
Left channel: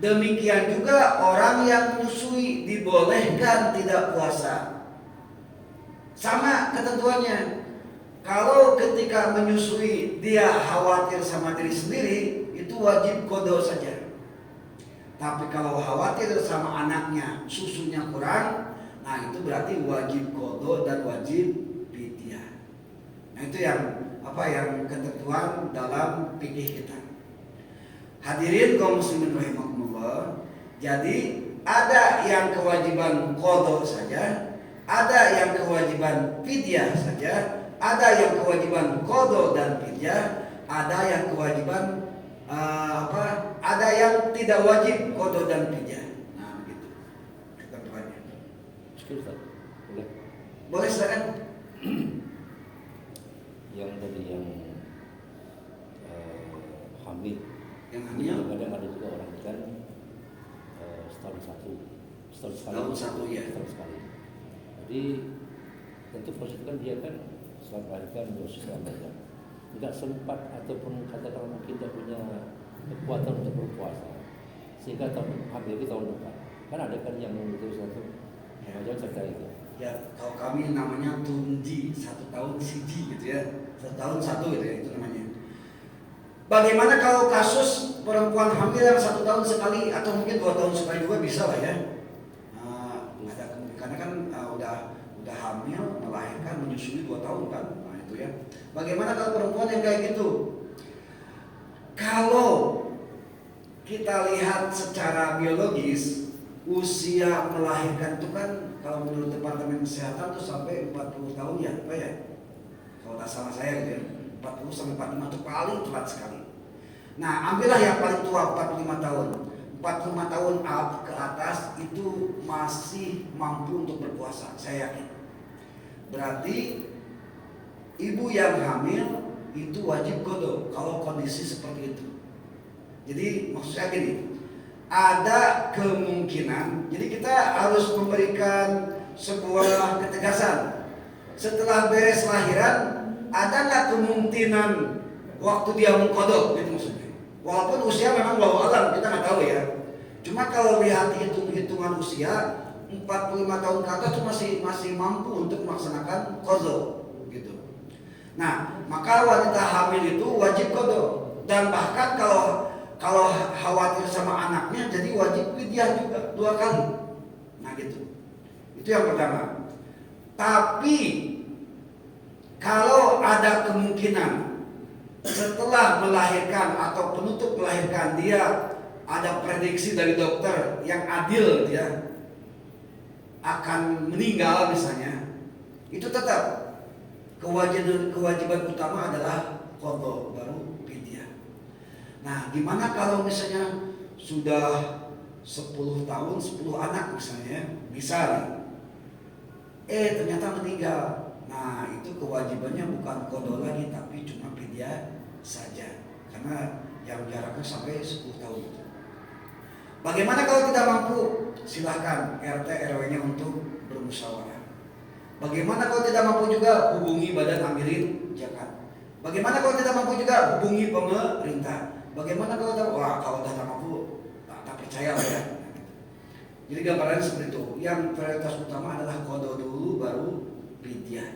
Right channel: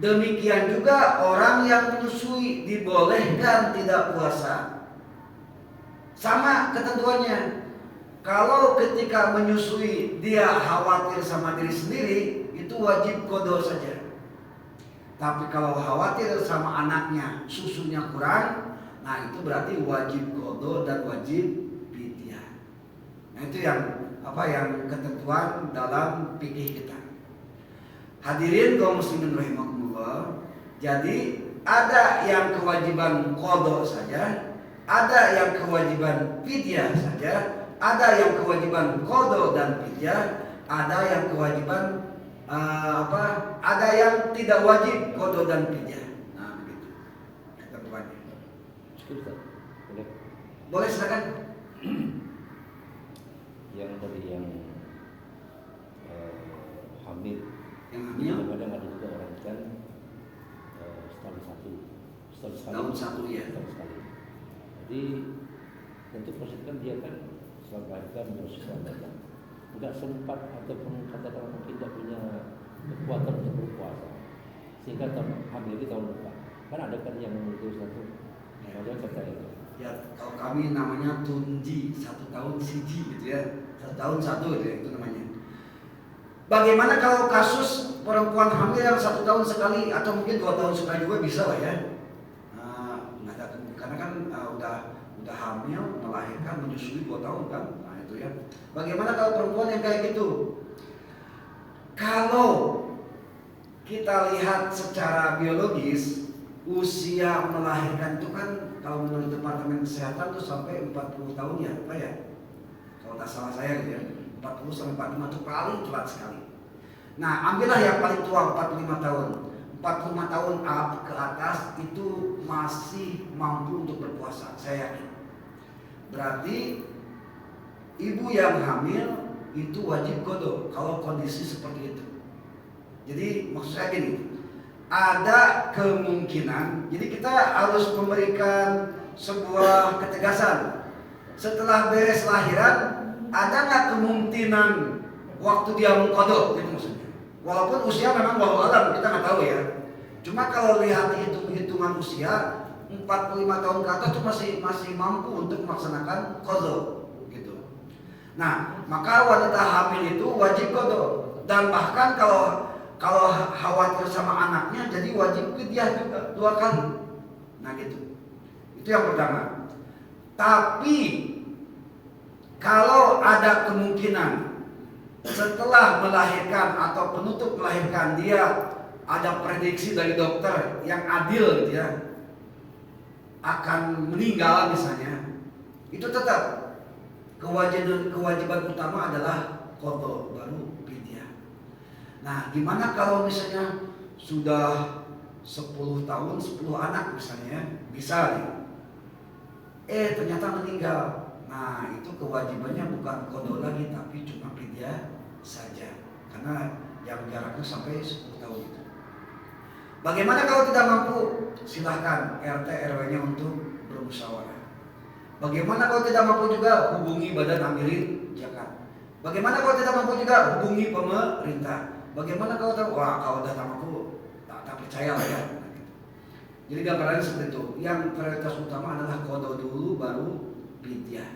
Demikian juga orang yang menyusui dibolehkan tidak puasa. Sama ketentuannya. Kalau ketika menyusui dia khawatir sama diri sendiri, itu wajib qadha saja. Tapi kalau khawatir sama anaknya susunya kurang, nah itu berarti wajib qadha dan wajib fidyah. Nah itu yang ketentuan dalam fikih kita. Hadirin kaum muslimin rahimakumullah. Jadi ada yang kewajiban qadha saja, ada yang kewajiban fidyah saja, ada yang kewajiban qadha dan fidyah, ada yang kewajiban ada yang tidak wajib qadha dan fidyah. Nah begitu ketentuannya. Boleh silakan. Yang tadi yang hamil. Yang hamil kadang ada juga orang kan setahun sekali ya. Setahun sekali. Jadi tentu proses kan dia kan selama melahirkan proses melahirkan tidak sempat ataupun katakan kita punya kekuatan untuk berpuasa sehingga hamil di tahun depan. Kan ada kan yang menulis satu macam cerita itu. Ya, kalau kami namanya tunji 1 tahun siji gitu ya, 1 tahun 1 gitu ya, itu namanya. Bagaimana kalau kasus perempuan hamil yang 1 tahun sekali atau mungkin 2 tahun sekali juga bisa lah ya? Karena kan udah hamil, melahirkan, menyusui 2 tahun kan, nah itu ya. Bagaimana kalau perempuan yang kayak gitu? Kalau kita lihat secara biologis, usia melahirkan itu kan kalau menurut Departemen Kesehatan tuh sampai 40 tahun ya, apa ya? Kalau tak salah saya ya, 40 sampai 45 itu paling telat sekali. Nah, ambillah yang paling tua 45 tahun. 45 tahun ke atas itu masih mampu untuk berpuasa, saya yakin. Berarti ibu yang hamil itu wajib qada kalau kondisi seperti itu. Jadi maksud saya gini, ada kemungkinan, jadi kita harus memberikan sebuah ketegasan. Setelah beres lahiran, ada nggak kemungkinan waktu dia mengqada, gitu maksudnya. Walaupun usia memang walau alam kita nggak tahu ya. Cuma kalau lihat hitungan usia 45 tahun ke atas itu masih mampu untuk melaksanakan qada gitu. Nah, maka wanita hamil itu wajib qada, dan bahkan kalau khawatir sama anaknya jadi wajib fidyah juga 2 kali. Nah gitu. Itu yang pertama. Tapi kalau ada kemungkinan setelah melahirkan atau penutup melahirkan dia ada prediksi dari dokter yang adil gitu ya, akan meninggal misalnya, itu tetap kewajiban utama adalah qada baru fidyah. Nah, gimana kalau misalnya sudah 10 tahun 10 anak misalnya, bisa ternyata meninggal. Nah, itu kewajibannya bukan qada lagi tapi cuma fidyah saja, karena yang jaraknya sampai 10 tahun itu. Bagaimana kalau tidak mampu? Silahkan RT RW-nya untuk bermusyawarah. Bagaimana kalau tidak mampu juga? Hubungi Badan Amilin Zakat. Bagaimana kalau tidak mampu juga? Hubungi pemerintah. Bagaimana kalau tidak mampu? Tak percaya lah ya. Jadi gambarannya seperti itu. Yang prioritas utama adalah qada dulu baru fidyah.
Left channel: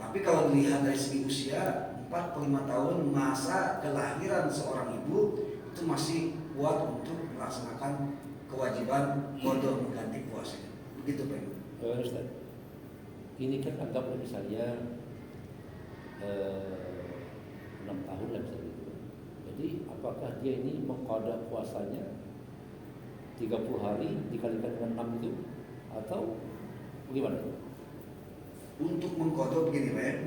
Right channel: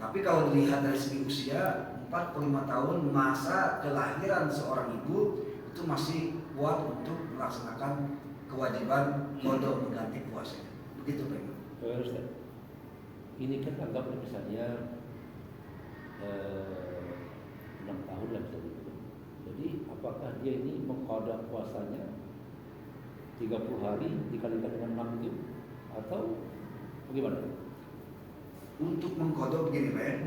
Tapi kalau dilihat dari segi usia 45 tahun masa kelahiran seorang ibu itu masih kuat untuk melaksanakan kewajiban qada mengganti puasa. Begitu Pak. Ustaz, ini kan anggap misalnya 6 tahun dan segitu. Jadi apakah dia ini mengqada puasanya 30 hari dikalikan dengan 6 itu atau bagaimana? Untuk mengqada begini Pak.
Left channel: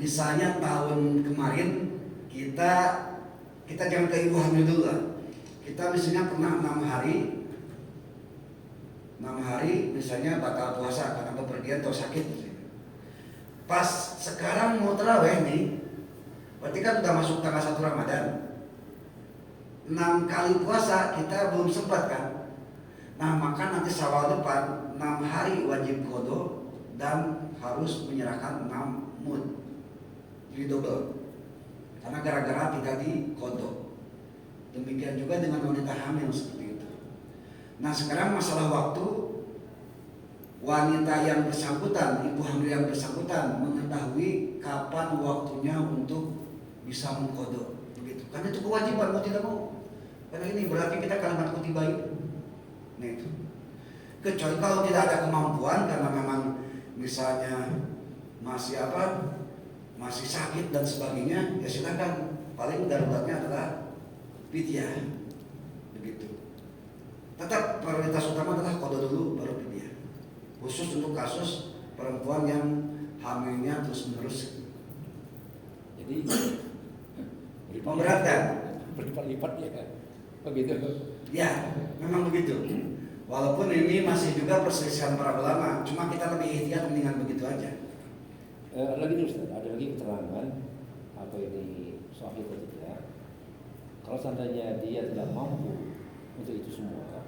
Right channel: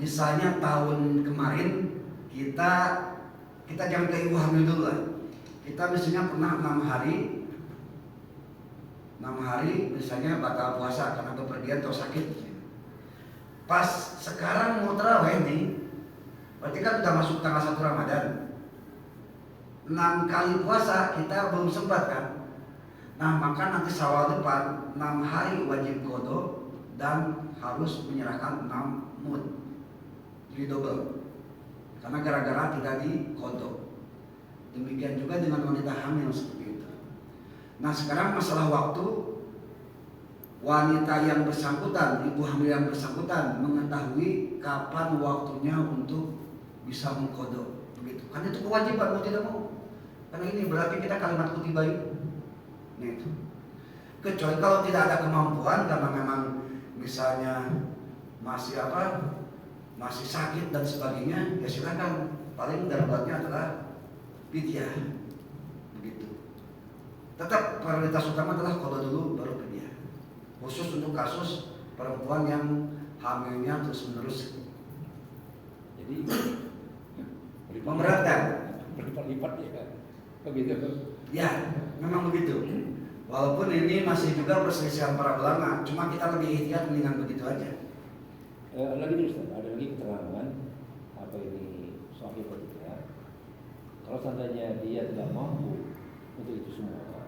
Misalnya tahun kemarin kita jangan ke ibu hamil dulu lah. Kita misalnya pernah 6 hari misalnya batal puasa karena bepergian atau sakit. Pas sekarang mau tarawih nih, berarti kan udah masuk tanggal 1 Ramadan. 6 kali puasa kita belum sempat kan. Nah, maka nanti Syawal depan 6 hari wajib qada dan harus menyerahkan 6 mud. Jadi double. Karena gara-gara tidak diqada. Demikian juga dengan wanita hamil seperti itu. Nah, sekarang masalah waktu, wanita yang bersangkutan, ibu hamil yang bersangkutan mengetahui kapan waktunya untuk bisa mengqada. Begitu. Karena itu kewajiban mau tidak mau. Karena ini berarti kita kalimat kutiba itu. Nah, itu. Kecuali kalau tidak ada kemampuan karena memang misalnya masih sakit dan sebagainya, ya silakan. Paling daruratnya adalah fidyah. Begitu. Tetap prioritas utama adalah qada dulu baru fidyah. Khusus untuk kasus perempuan yang hamilnya terus-menerus. Jadi memberatkan. Berlipat-lipat ya kan? Begitu. Ya, memang begitu. Walaupun ini masih juga perselisihan para ulama, cuma kita lebih ikhtiar mendingan begitu aja. Ada lagi keterangan apa ini sahih atau tidak? Kalau seandainya dia tidak mampu untuk itu semua,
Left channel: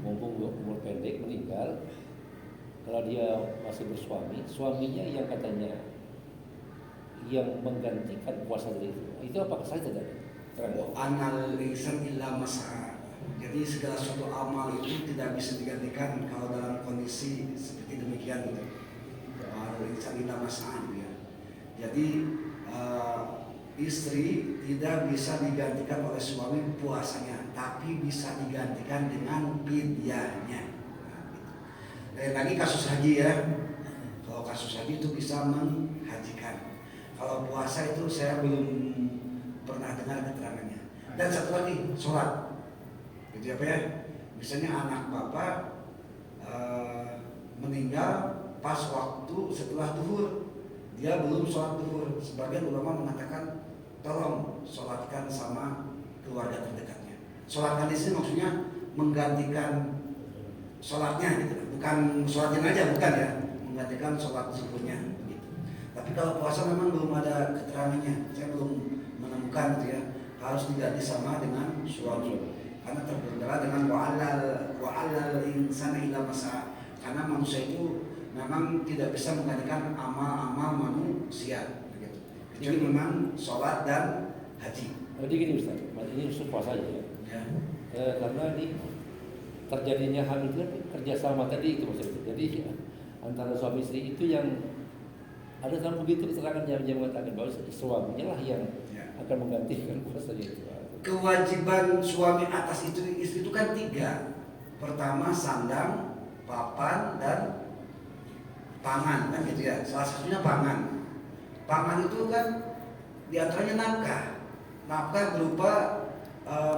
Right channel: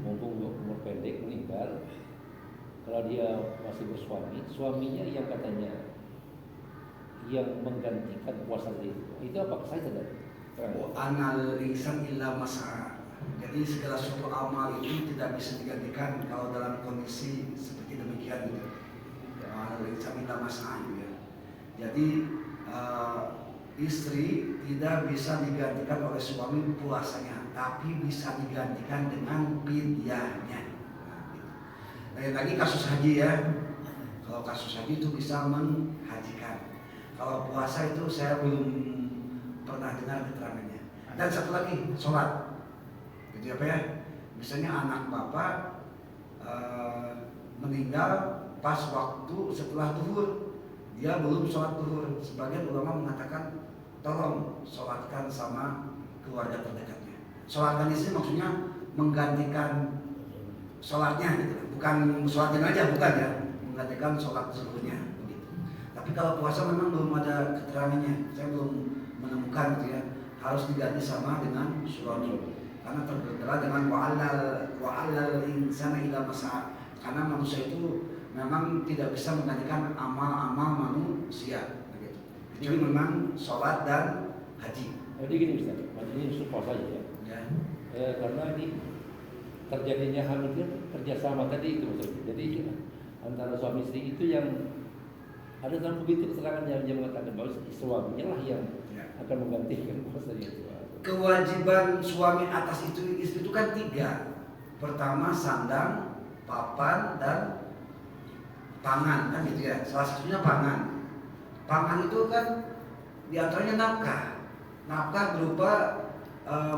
mumpung umur pendek meninggal, kalau dia masih bersuami, suaminya yang katanya yang menggantikan puasa itu apakah saya tidak? Anal insan illa mas'a. Jadi segala suatu amal itu tidak bisa digantikan kalau dalam kondisi seperti demikian. Anal insan illa mas'a. Jadi istri tidak bisa digantikan oleh suami puasanya, tapi bisa digantikan dengan fidyahnya. Lain lagi kasus haji ya. Kalau kasus haji itu bisa menghajikan. Kalau puasa itu saya belum pernah dengar keterangannya. Dan satu lagi, sholat. Gitu apa ya? Misalnya anak bapak meninggal pas waktu setelah duhur, dia belum sholat duhur. Sebagian ulama mengatakan tolong sholatkan sama keluarga terdekatnya. Sholatkan di sini maksudnya menggantikan sholatnya gitu, bukan sholatin aja, bukan ya, menggantikan sholat zuhurnya begitu. Tapi kalau puasa memang belum ada keterangannya, saya belum menemukan gitu ya, harus diganti sama dengan suami, karena terbelah dengan wa'alal insana ila masa, karena manusia itu memang tidak bisa menggantikan amal-amal manusia begitu. Jadi memang sholat dan haji. Jadi gini Ustaz, ini puasa saja ya. Karena ini terjadinya hamil itu kerjasama tadi itu maksudnya. Jadi antara suami istri itu yang ada dalam begitu keterangan yang mengatakan bahwa suaminya lah yang akan menggantikan puasanya itu. Kewajiban suami atas istri itu kan 3. Pertama sandang, papan, dan pangan kan gitu ya. Salah satunya pangan. Pangan itu kan diantaranya nafkah. Nafkah berupa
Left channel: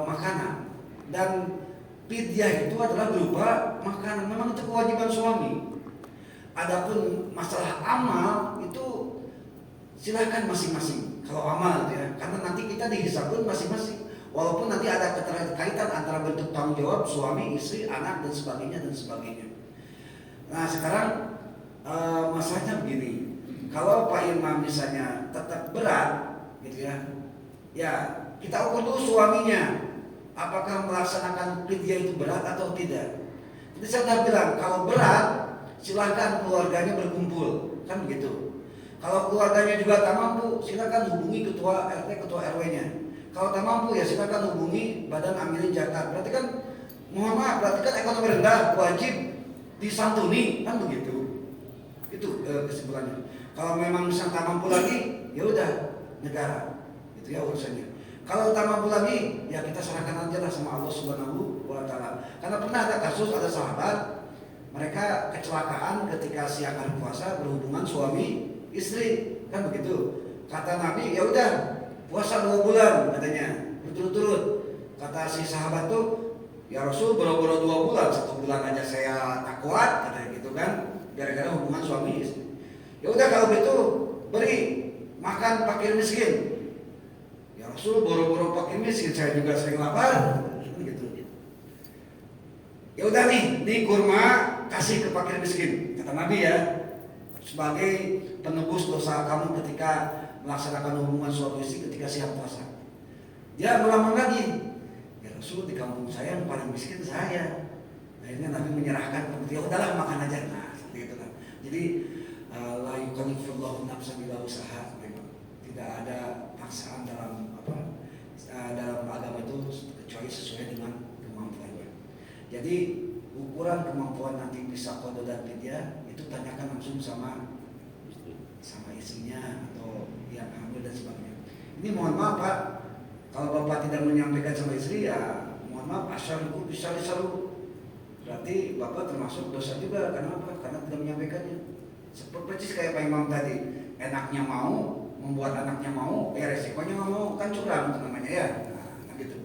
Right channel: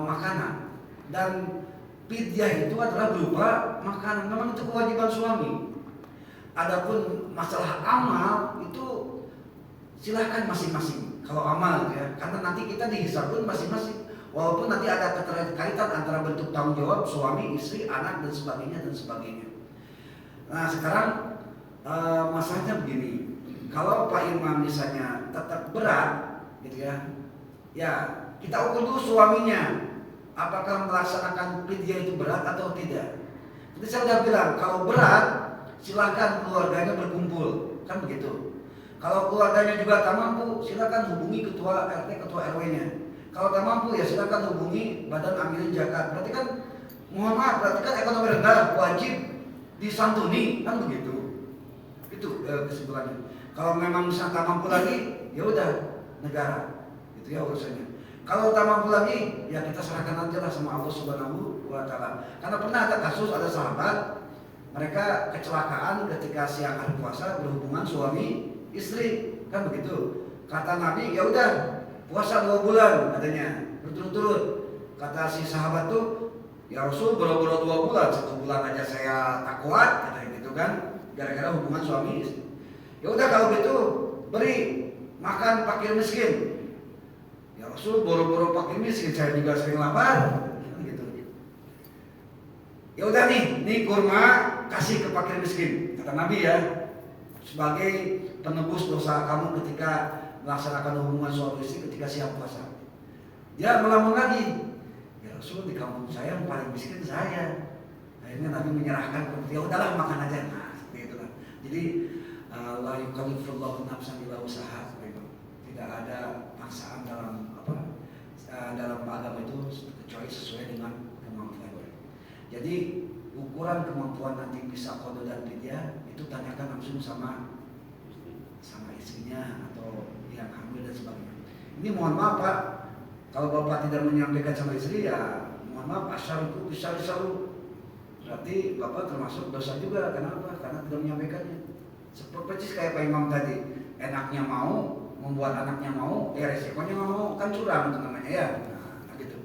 makanan, dan fidyah itu adalah berupa makanan. Memang itu kewajiban suami. Adapun masalah amal itu silahkan masing-masing. Kalau amal itu ya, karena nanti kita dihisab pun masing-masing. Walaupun nanti ada keterkaitan antara bentuk tanggung jawab suami, istri, anak dan sebagainya. Nah sekarang masalahnya begini. Kalau Pak Imam misalnya tetap berat, gitu ya, ya kita ukur dulu suaminya. Apakah melaksanakan fidyah itu berat atau tidak? Jadi saya sudah bilang kalau berat silakan keluarganya berkumpul, kan begitu. Kalau keluarganya juga tak mampu, silakan hubungi ketua RT, ketua RW-nya. Kalau tak mampu ya silakan hubungi badan amilin zakat. Berarti kan, mohon maaf, berarti kan ekonomi rendah wajib disantuni, kan begitu. Itu kesimpulannya. Kalau memang misalnya tak mampu lagi, ya udah negara, itu ya urusannya. Kalau tak mampu lagi, ya kita serahkan aja lah sama Allah Subhanahu wa Ta'ala. Karena pernah ada kasus, ada sahabat, mereka kecelakaan ketika siang hari puasa berhubungan suami istri, kan begitu. Kata Nabi, ya udah puasa 2 bulan katanya berturut-turut. Kata si sahabat tuh, ya Rasul boro-boro 2 bulan, 1 bulan aja saya tak kuat, katanya gitu kan, gara-gara hubungan suami istri. Ya udah kalau gitu beri makan fakir miskin. Rasul boro-boro pakai miskin, saya juga sering lapar, gitu. Ya udah nih kurma kasih ke fakir miskin, kata Nabi ya, sebagai penebus dosa kamu ketika melaksanakan hubungan suami istri ketika siang puasa. Dia melamun lagi, ya Rasul di kampung saya yang paling miskin saya. Akhirnya Nabi menyerahkan, ya udahlah makan aja, nah seperti itu kan. Jadi la yukallifullahu nafsan illa wus'aha, tidak ada paksaan dalam dalam agama itu kecuali sesuai dengan kemampuannya. Jadi ukuran kemampuan nanti bisa qada dan fidyah itu tanyakan langsung sama istrinya atau yang hamil dan sebagainya. Ini mohon maaf Pak, kalau Bapak tidak menyampaikan sama istri ya mohon maaf, asal itu bisa disalu. Berarti Bapak termasuk dosa juga. Kenapa? Karena tidak menyampaikannya. Seperti kayak Pak Imam tadi, enaknya mau, membuat anaknya mau, resikonya nggak mau, kan curang itu namanya ya. Nah gitu.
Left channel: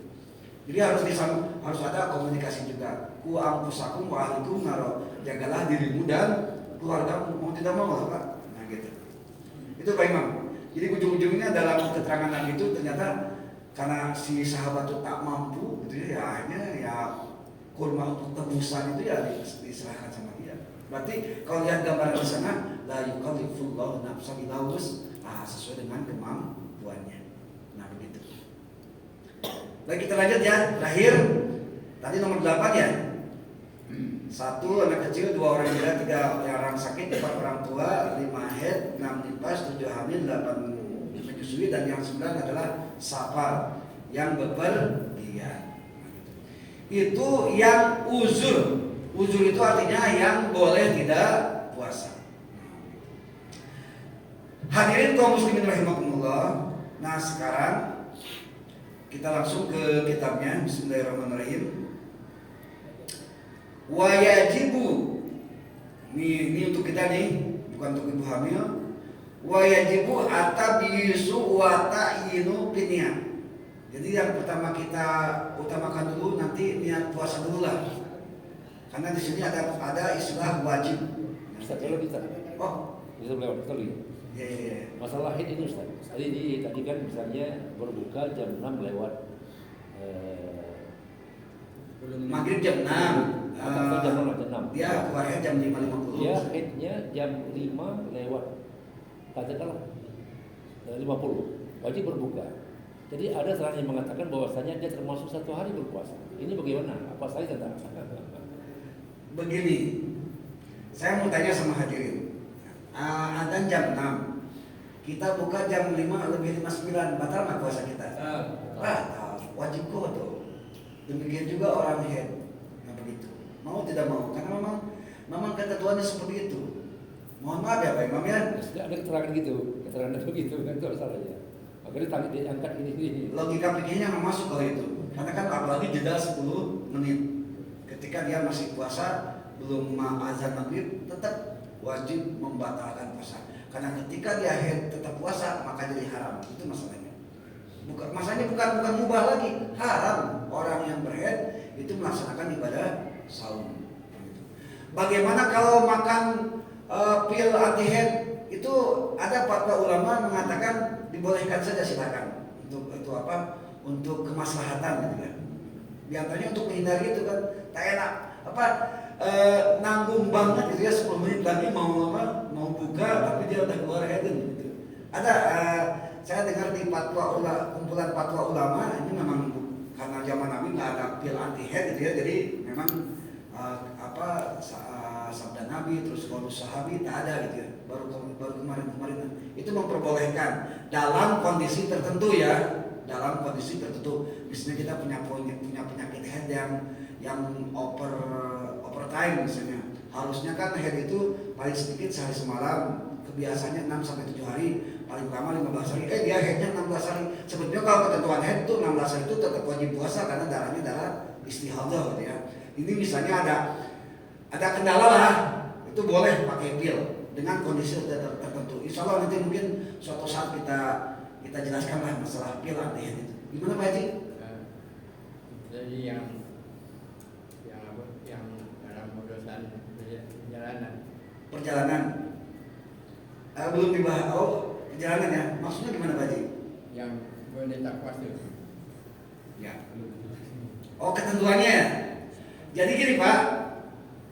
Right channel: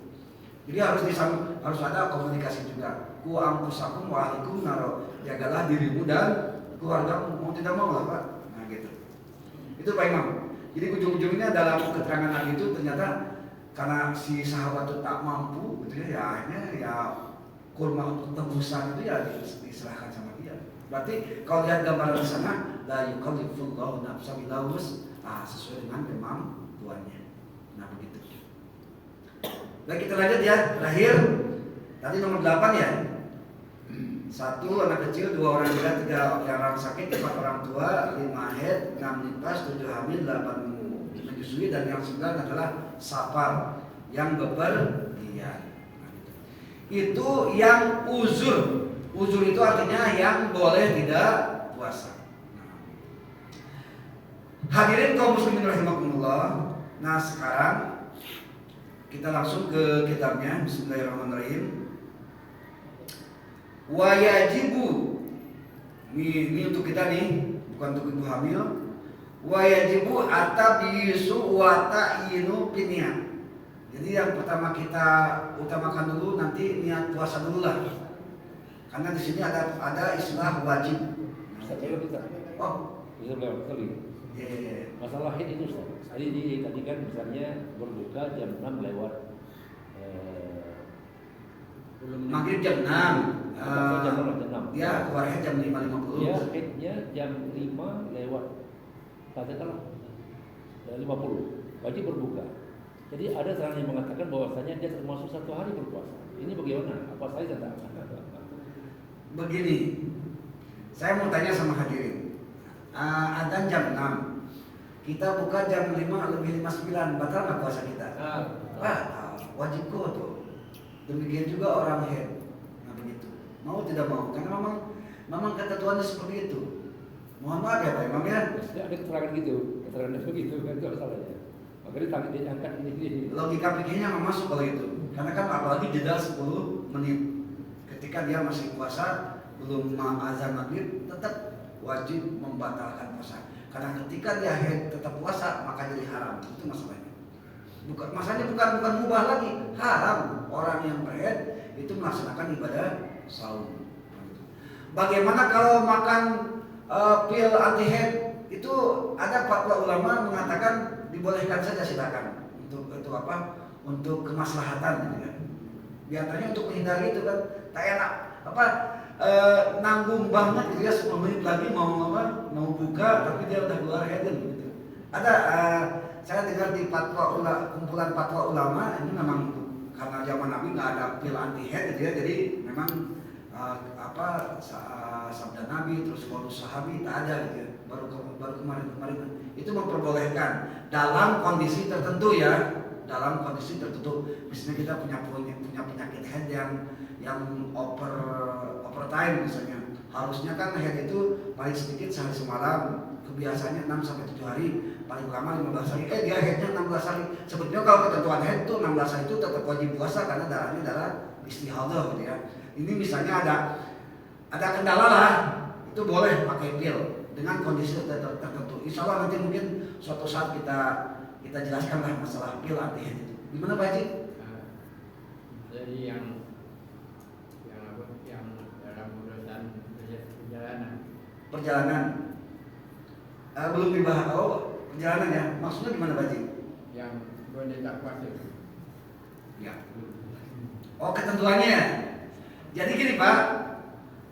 Jadi harus ada komunikasi juga. Ku ampusakum wa ahlikum naro, jagalah dirimu dan keluargamu, mau tidak mau lah Pak. Nah gitu. Itu Pak Imam. Jadi ujung-ujungnya dalam keterangan Nabi itu ternyata karena si sahabat itu tak mampu, gitu ya, akhirnya ya kurma untuk tebusan itu ya diserahkan sama dia. Berarti kalau lihat gambaran di sana, la yukallifullahu nafsan illa wus'aha, sesuai dengan kemampuannya. Nah begitu. Baik, kita lanjut ya. Terakhir tadi nomor 8 ya. 1 anak kecil, 2 orang gila, 3 orang sakit, 4 orang tua, 5 haid, 6 nifas, 7 hamil, 8 menyusui, dan yang 9 adalah safar yang bepergian. Itu yang uzur. Uzur itu artinya yang boleh tidak puasa. Hadirin kaum muslimin rahimakumullah. Nah sekarang kita langsung ke kitabnya. Bismillahirrahmanirrahim. Wa yajibu, ini untuk kita nih, bukan untuk ibu hamil. Wa yajibu atabisu wa ta'inu biniyat. Jadi yang pertama kita utamakan dulu, nanti niat puasa dulu lah. Karena di sini ada istilah wajib. bisa kalau kita. Oh, Bisa lewat kali. iya. Masalah haid itu tadi kan misalnya berbuka jam 6 lewat Maghrib jam 6. jam 6. Dia keluarnya jam 5.50. Dia haidnya jam 5 lewat katakanlah 50 wajib berbuka. Jadi ada saran yang mengatakan bahwasanya dia termasuk 1 hari berpuasa. Ini bagaimana? Apa saya tentang? Begini, saya mau tanya sama hadirin. Adzan jam 6, kita buka jam 5:59, batal nggak puasa kita? Batal, wajib kodo. Demikian juga orang haid, nah begitu. Mau tidak mau, karena memang ketentuannya seperti itu. Mohon maaf ya Pak Imam ya. Sudah ada keterangan gitu, keterangan begitu kan itu masalahnya. Makanya tadi dia angkat ini. Logika pikirnya nggak masuk kalau itu, karena kan apalagi jeda 10 menit. Ketika dia masih puasa belum azan maghrib, tetap wajib membatalkan puasa. Karena ketika dia haid tetap puasa maka jadi haram. Itu masalahnya. Masalahnya bukan mubah lagi, haram. Orang yang berhaid itu melaksanakan ibadah saum. Bagaimana kalau makan pil anti haid? Itu ada fatwa ulama mengatakan dibolehkan saja, silakan. Untuk apa? Untuk kemaslahatan gitu kan. Di antaranya untuk menghindari itu kan, tak enak nanggung banget gitu ya, 10 menit lagi mau buka tapi dia udah keluar haid gitu. Ada saya dengar di kumpulan fatwa ulama ini memang karena zaman Nabi nggak ada pil anti haid gitu ya, jadi memang sabda Nabi terus kalau sahabi tak ada gitu ya, baru kemarin itu memperbolehkan dalam kondisi tertentu ya, dalam kondisi tertentu. Misalnya kita punya penyakit haid yang overtime misalnya, harusnya kan haid itu paling sedikit sehari semalam, kebiasaannya 6-7 hari, paling lama 15 hari. Dia haidnya 16 hari. Sebetulnya kalau ketentuan haid itu 16 hari itu tetap wajib puasa karena darahnya darah istihadah gitu ya. Ini misalnya ada kendala lah, itu boleh pakai pil dengan kondisi tertentu. Insya Allah nanti mungkin suatu saat kita jelaskan lah masalah pil anti haid itu. Gimana Pak Haji? Jadi yang dalam urusan perjalanan belum dibahas. Perjalanan ya, maksudnya gimana Pak Haji? yang boleh tak puasa. Ya. Ketentuannya. Jadi gini Pak,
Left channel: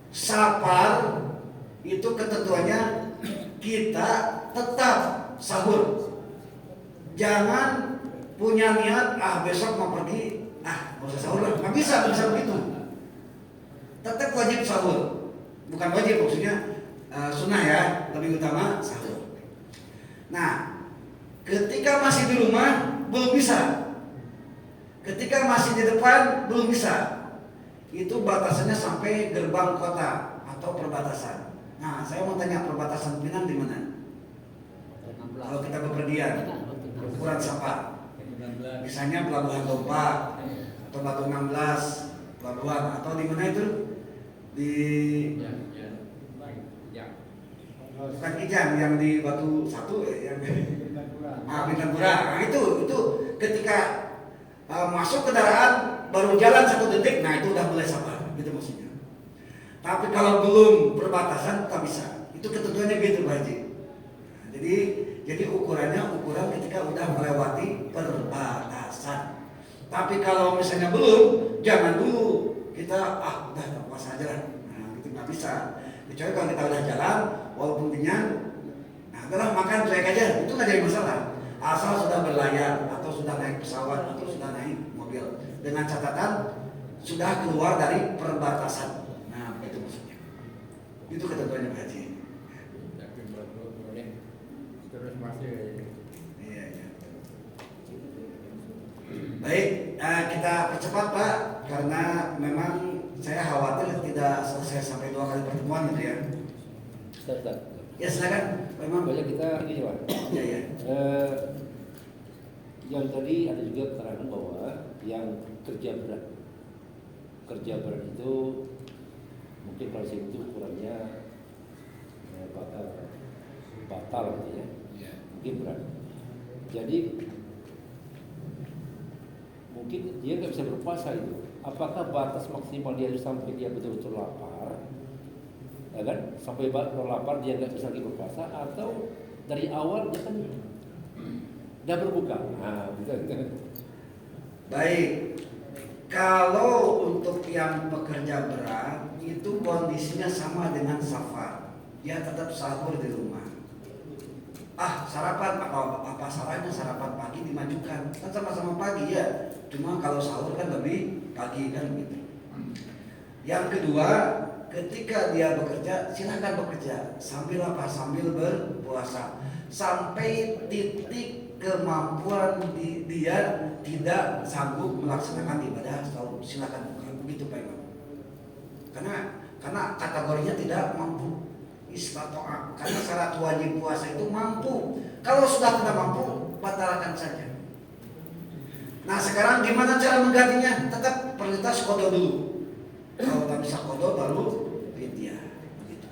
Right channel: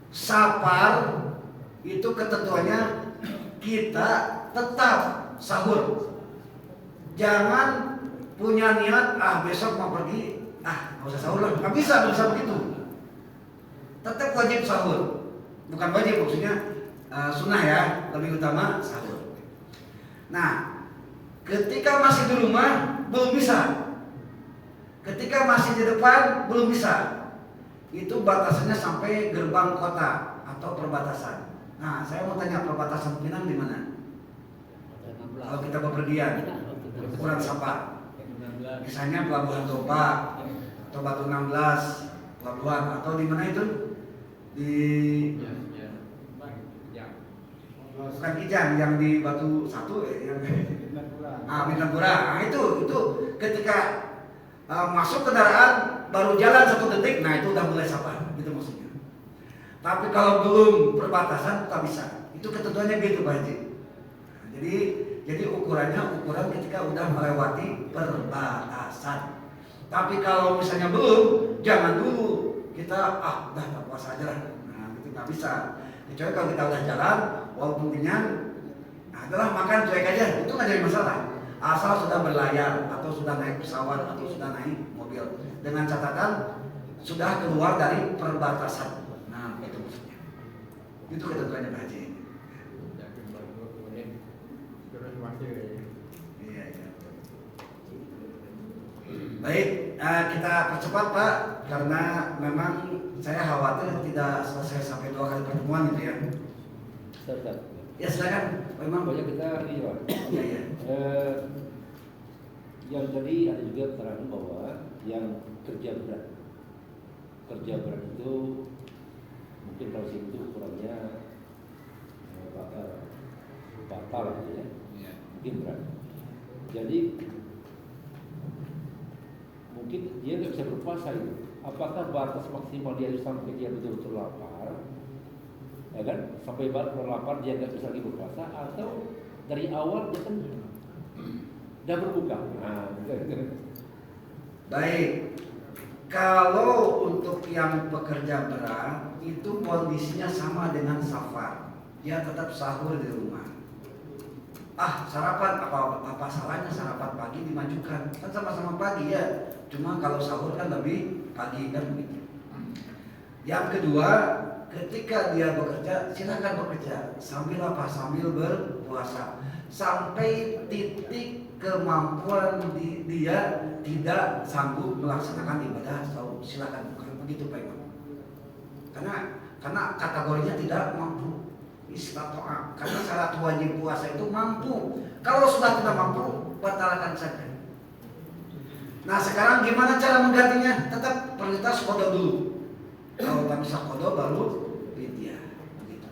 safar itu ketentuannya kita tetap sahur. Jangan punya niat besok mau pergi nggak usah sahur lah, nggak bisa begitu. Tetap wajib sahur, bukan wajib maksudnya sunnah ya, lebih utama sahur. Nah, ketika masih di rumah belum bisa, ketika masih di depan belum bisa. Itu batasannya sampai gerbang kota atau perbatasan. Nah, saya mau tanya, perbatasan Pinang di mana? Kalau kita bepergian, ukuran Sapa. Misalnya Pelabuhan Toba atau Batu 16 pelabuhan, atau di mana itu? Di bukan Kijang, yang di Batu 1 yang Bintangpura. Nah, itu ketika masuk kendaraan baru jalan 1 detik, nah itu udah mulai sabar, gitu maksudnya. Tapi kalau belum perbatasan tak bisa. Itu ketentuannya gitu Pak Haji. Jadi ukuran ketika udah melewati perbatasan. Tapi kalau misalnya belum, jangan dulu kita udah tak puasa aja lah. Nah, itu nggak bisa. Kecuali kalau kita udah jalan, walaupun kenyang, adalah makan cuek aja, itu nggak jadi masalah. Asal sudah berlayar atau sudah naik pesawat atau sudah naik mobil, dengan catatan sudah keluar dari perbatasan. Nah, itu maksudnya. Itu ketentuannya Pak Haji. Terus masih. Iya. Baik, kita percepat Pak, karena memang saya khawatir tidak selesai sampai 2 kali pertemuan itu ya. Ustaz. Ya silakan. Memang Banyak kita ini Pak. Iya. Yang tadi ada juga keterangan bahwa yang kerja berat itu mungkin kalau itu ukurannya batal gitu ya, mungkin berat. Jadi mungkin dia nggak bisa berpuasa itu. Apakah batas maksimal dia sampai dia betul-betul lapar? ya kan? Sampai berlapar dia nggak bisa lagi berpuasa, atau dari awal dia kan udah berbuka. Nah, gitu. Baik, kalau untuk yang pekerja berat itu kondisinya sama dengan safar, dia tetap sahur di rumah. Sarapan apa salahnya sarapan pagi dimajukan, kan sama-sama pagi ya, cuma kalau sahur kan lebih pagi kan gitu. Yang kedua, ketika dia bekerja, silakan bekerja sambil apa? Sambil berpuasa sampai titik kemampuan dia tidak sanggup melaksanakan ibadah saum, silakan bukan begitu Pak Imam. Karena kategorinya tidak mampu. Istato'a, karena syarat wajib puasa itu mampu. Kalau sudah tidak mampu, batalkan saja. Nah sekarang gimana cara menggantinya? Tetap prioritas qada dulu. Kalau tak bisa qada baru fidyah. Begitu.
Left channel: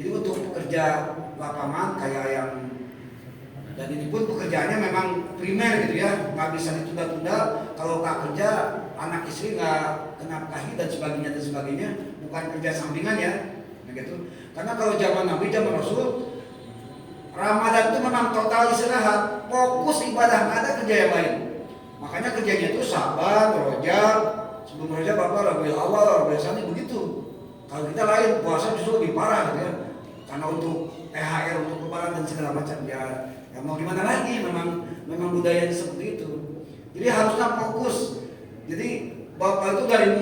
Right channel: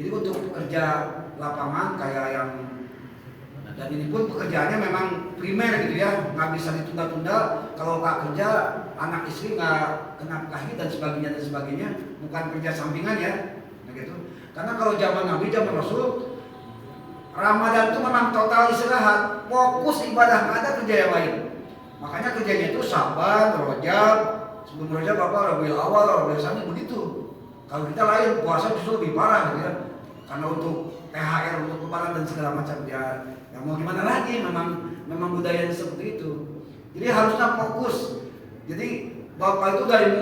Jadi untuk pekerja lapangan kayak yang, dan ini pun pekerjaannya memang primer gitu ya, nggak bisa ditunda-tunda. Kalau nggak kerja, anak istri nggak kena kahit dan sebagainya, bukan kerja sampingan ya, begitu. Karena kalau zaman Nabi, zaman Rasul, Ramadan itu memang total istirahat, fokus ibadah, nggak ada kerja yang lain. Makanya kerjanya itu Saban, Rajab, sebelum Rajab apa, Rabiul Awal, Rabiul Tsani begitu. Kalau kita lain, puasa justru lebih parah gitu ya. Karena untuk THR, untuk lebaran dan segala macam ya mau gimana lagi, memang budaya seperti itu. Jadi harusnya fokus. Jadi Bapak itu dari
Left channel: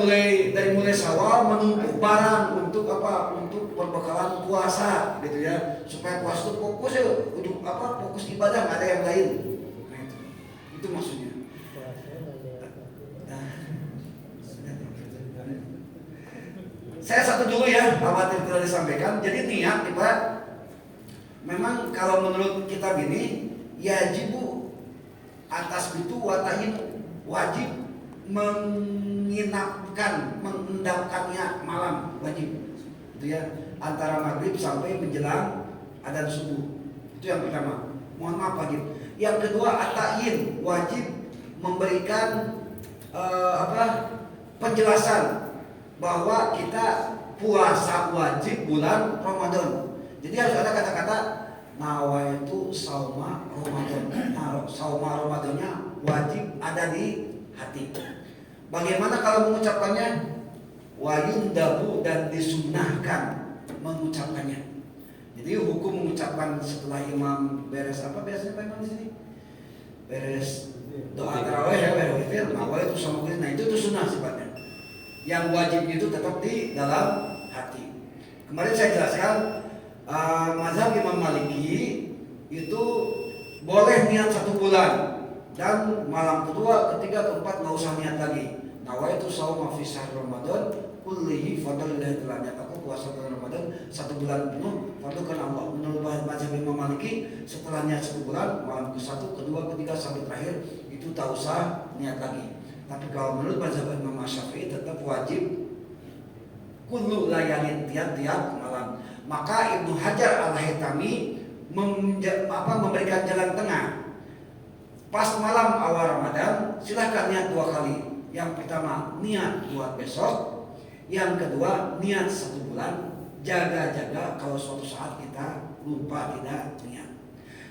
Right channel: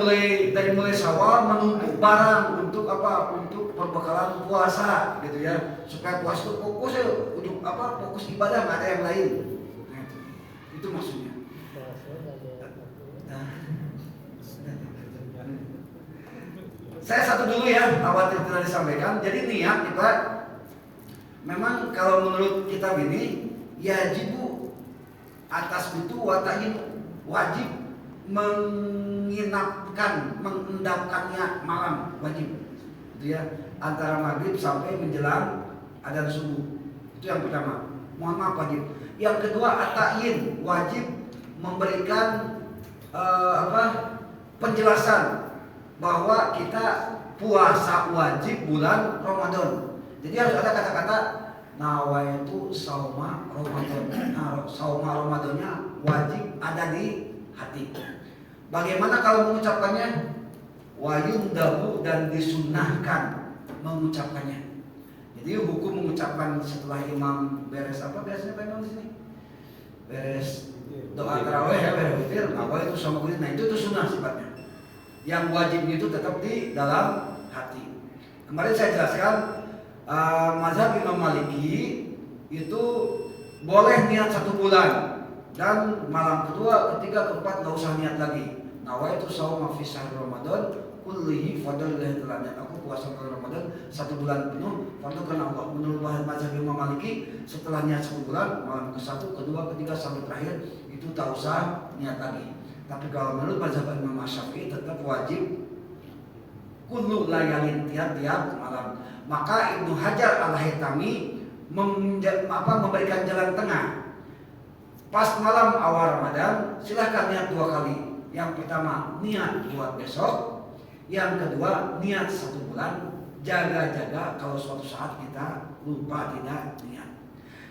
mulai Syawal menumpuk barang untuk apa? Untuk perbekalan puasa gitu ya. Supaya puasa itu fokus ya, untuk apa? Fokus ibadah, nggak ada yang lain. Nah, itu maksudnya. Saya satu dulu ya, khawatir tidak disampaikan. Jadi niat kita memang kalau menurut kitab ini yajibu atas itu watahin wajib mengendapkannya malam wajib itu ya, antara maghrib sampai menjelang adzan subuh. Itu yang pertama, mohon maaf wajib. Yang kedua atain wajib memberikan penjelasan bahwa kita puasa wajib bulan Ramadan. Jadi harus ada kata-kata nawaitu sauma Ramadan. Nah, sauma Ramadannya wajib ada di hati. Bagaimana kalau mengucapkannya? Wayundabu, dan disunnahkan mengucapkannya. Jadi hukum mengucapkan setelah imam beres apa biasanya Pak Imam di sini? Beres doa tarawih ya, beres witir, nawaitu sama witir. Nah itu sunnah sifatnya. Yang wajibnya itu tetap di dalam hati. Kemarin saya jelaskan mazhab Imam Maliki itu boleh niat 1 bulan, dan malam kedua, ketiga, keempat nggak usah niat lagi. Nawaitu shauma fi syahr Ramadan kullihi fadlillahi ta'ala. Aku puasa bulan Ramadan 1 bulan penuh, fadlkan Allah. Menurut mazhab Imam Maliki, setelah niat 1 bulan, malam ke-1, kedua, ketiga sampai terakhir itu tak usah niat lagi. Tapi kalau menurut mazhab Imam Syafi'i tetap wajib kullu layalin, tiap-tiap malam. Maka Ibnu Hajar Al-Haytami memberikan jalan tengah. Pas malam awal Ramadan silahkan niat 2 kali. Yang pertama niat buat besok, yang kedua niat 1 bulan. Jaga-jaga kalau suatu saat kita lupa tidak niat.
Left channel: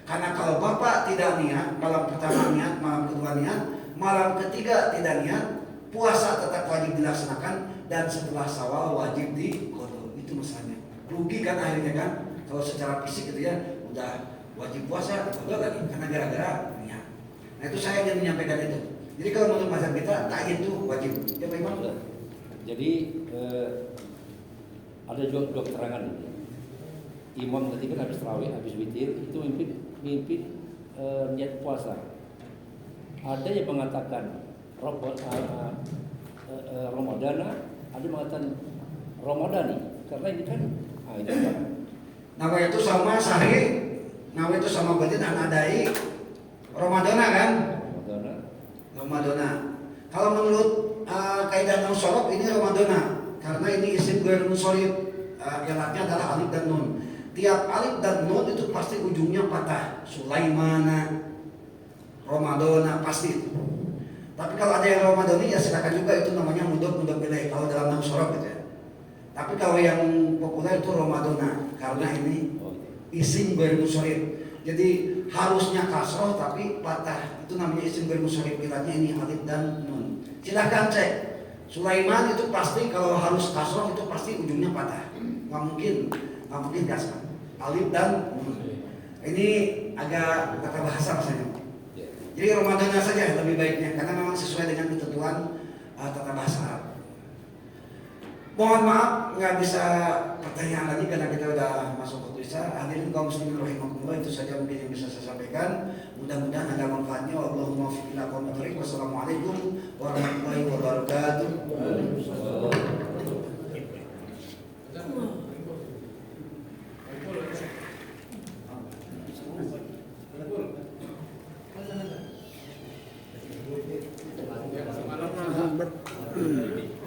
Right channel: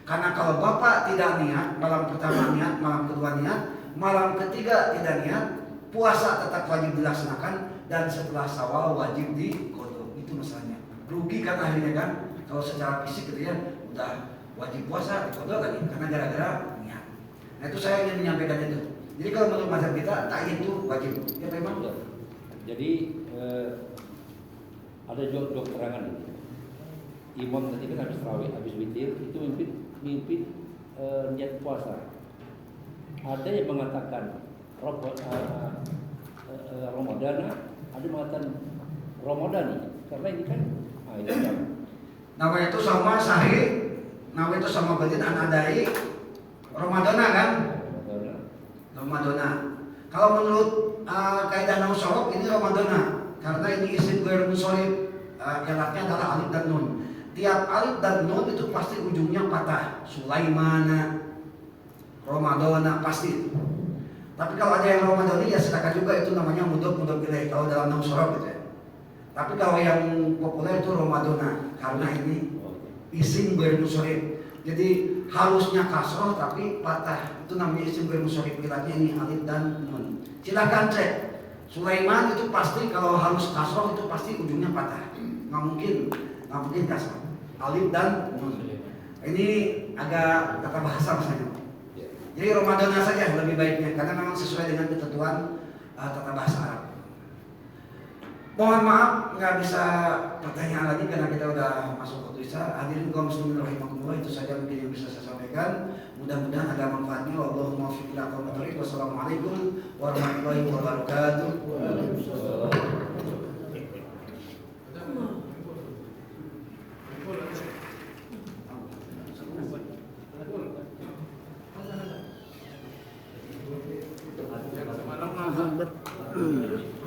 Karena kalau Bapak tidak niat, malam pertama niat, malam kedua niat, malam ketiga tidak niat, puasa tetap wajib dilaksanakan, dan setelah Syawal wajib diqadha. Itu masalahnya. Rugi kan akhirnya kan, kalau secara fisik gitu ya, udah wajib puasa diqadha lagi karena gara-gara niat. Nah itu saya ingin menyampaikan itu. Jadi kalau menurut mazhab kita ta'yin itu wajib. Ya memang enggak. Jadi ada juga keterangan ini. Imam ketika habis tarawih, habis witir itu mimpi niat puasa. Ada yang mengatakan Ramadan, ada yang mengatakan Ramadani. Karena ini kan nama itu sama sahih, nama itu sama batin anadai Ramadana kan? Ramadana. Kalau menurut kaidah nahwu shorof ini Ramadana, karena ini isim ghair munsharif, gelarnya adalah alif dan nun. Tiap alif dan nun itu pasti ujungnya patah. Sulaimana, Ramadana pasti. Tapi kalau ada yang Ramadani ya silakan juga, itu namanya mudhof ilaih kalau dalam nahwu shorof gitu ya. Tapi kalau yang populer itu Ramadana karena ini isim ghair munsharif. Jadi harusnya kasroh tapi patah. Itu namanya isim ghair munsharif. Kilatnya ini alif dan nun. Silakan cek. Sulaiman itu pasti kalau harus kasroh itu pasti ujungnya patah. Nggak mungkin kasroh. Alif dan nun. Ini agak kata bahasa misalnya. Jadi Ramadana saja lebih baiknya karena memang sesuai dengan ketentuan tata bahasa Arab. Mohon maaf nggak bisa pertanyaan lagi karena kita udah masuk waktu isya. Hadirin kaum muslimin rahimakumullah, itu saja mungkin yang bisa saya sampaikan. Mudah-mudahan ada manfaatnya. Allahumma waffiq ila aqwamit thoriq. Wassalamualaikum warahmatullahi wabarakatuh. Alhamdulillah.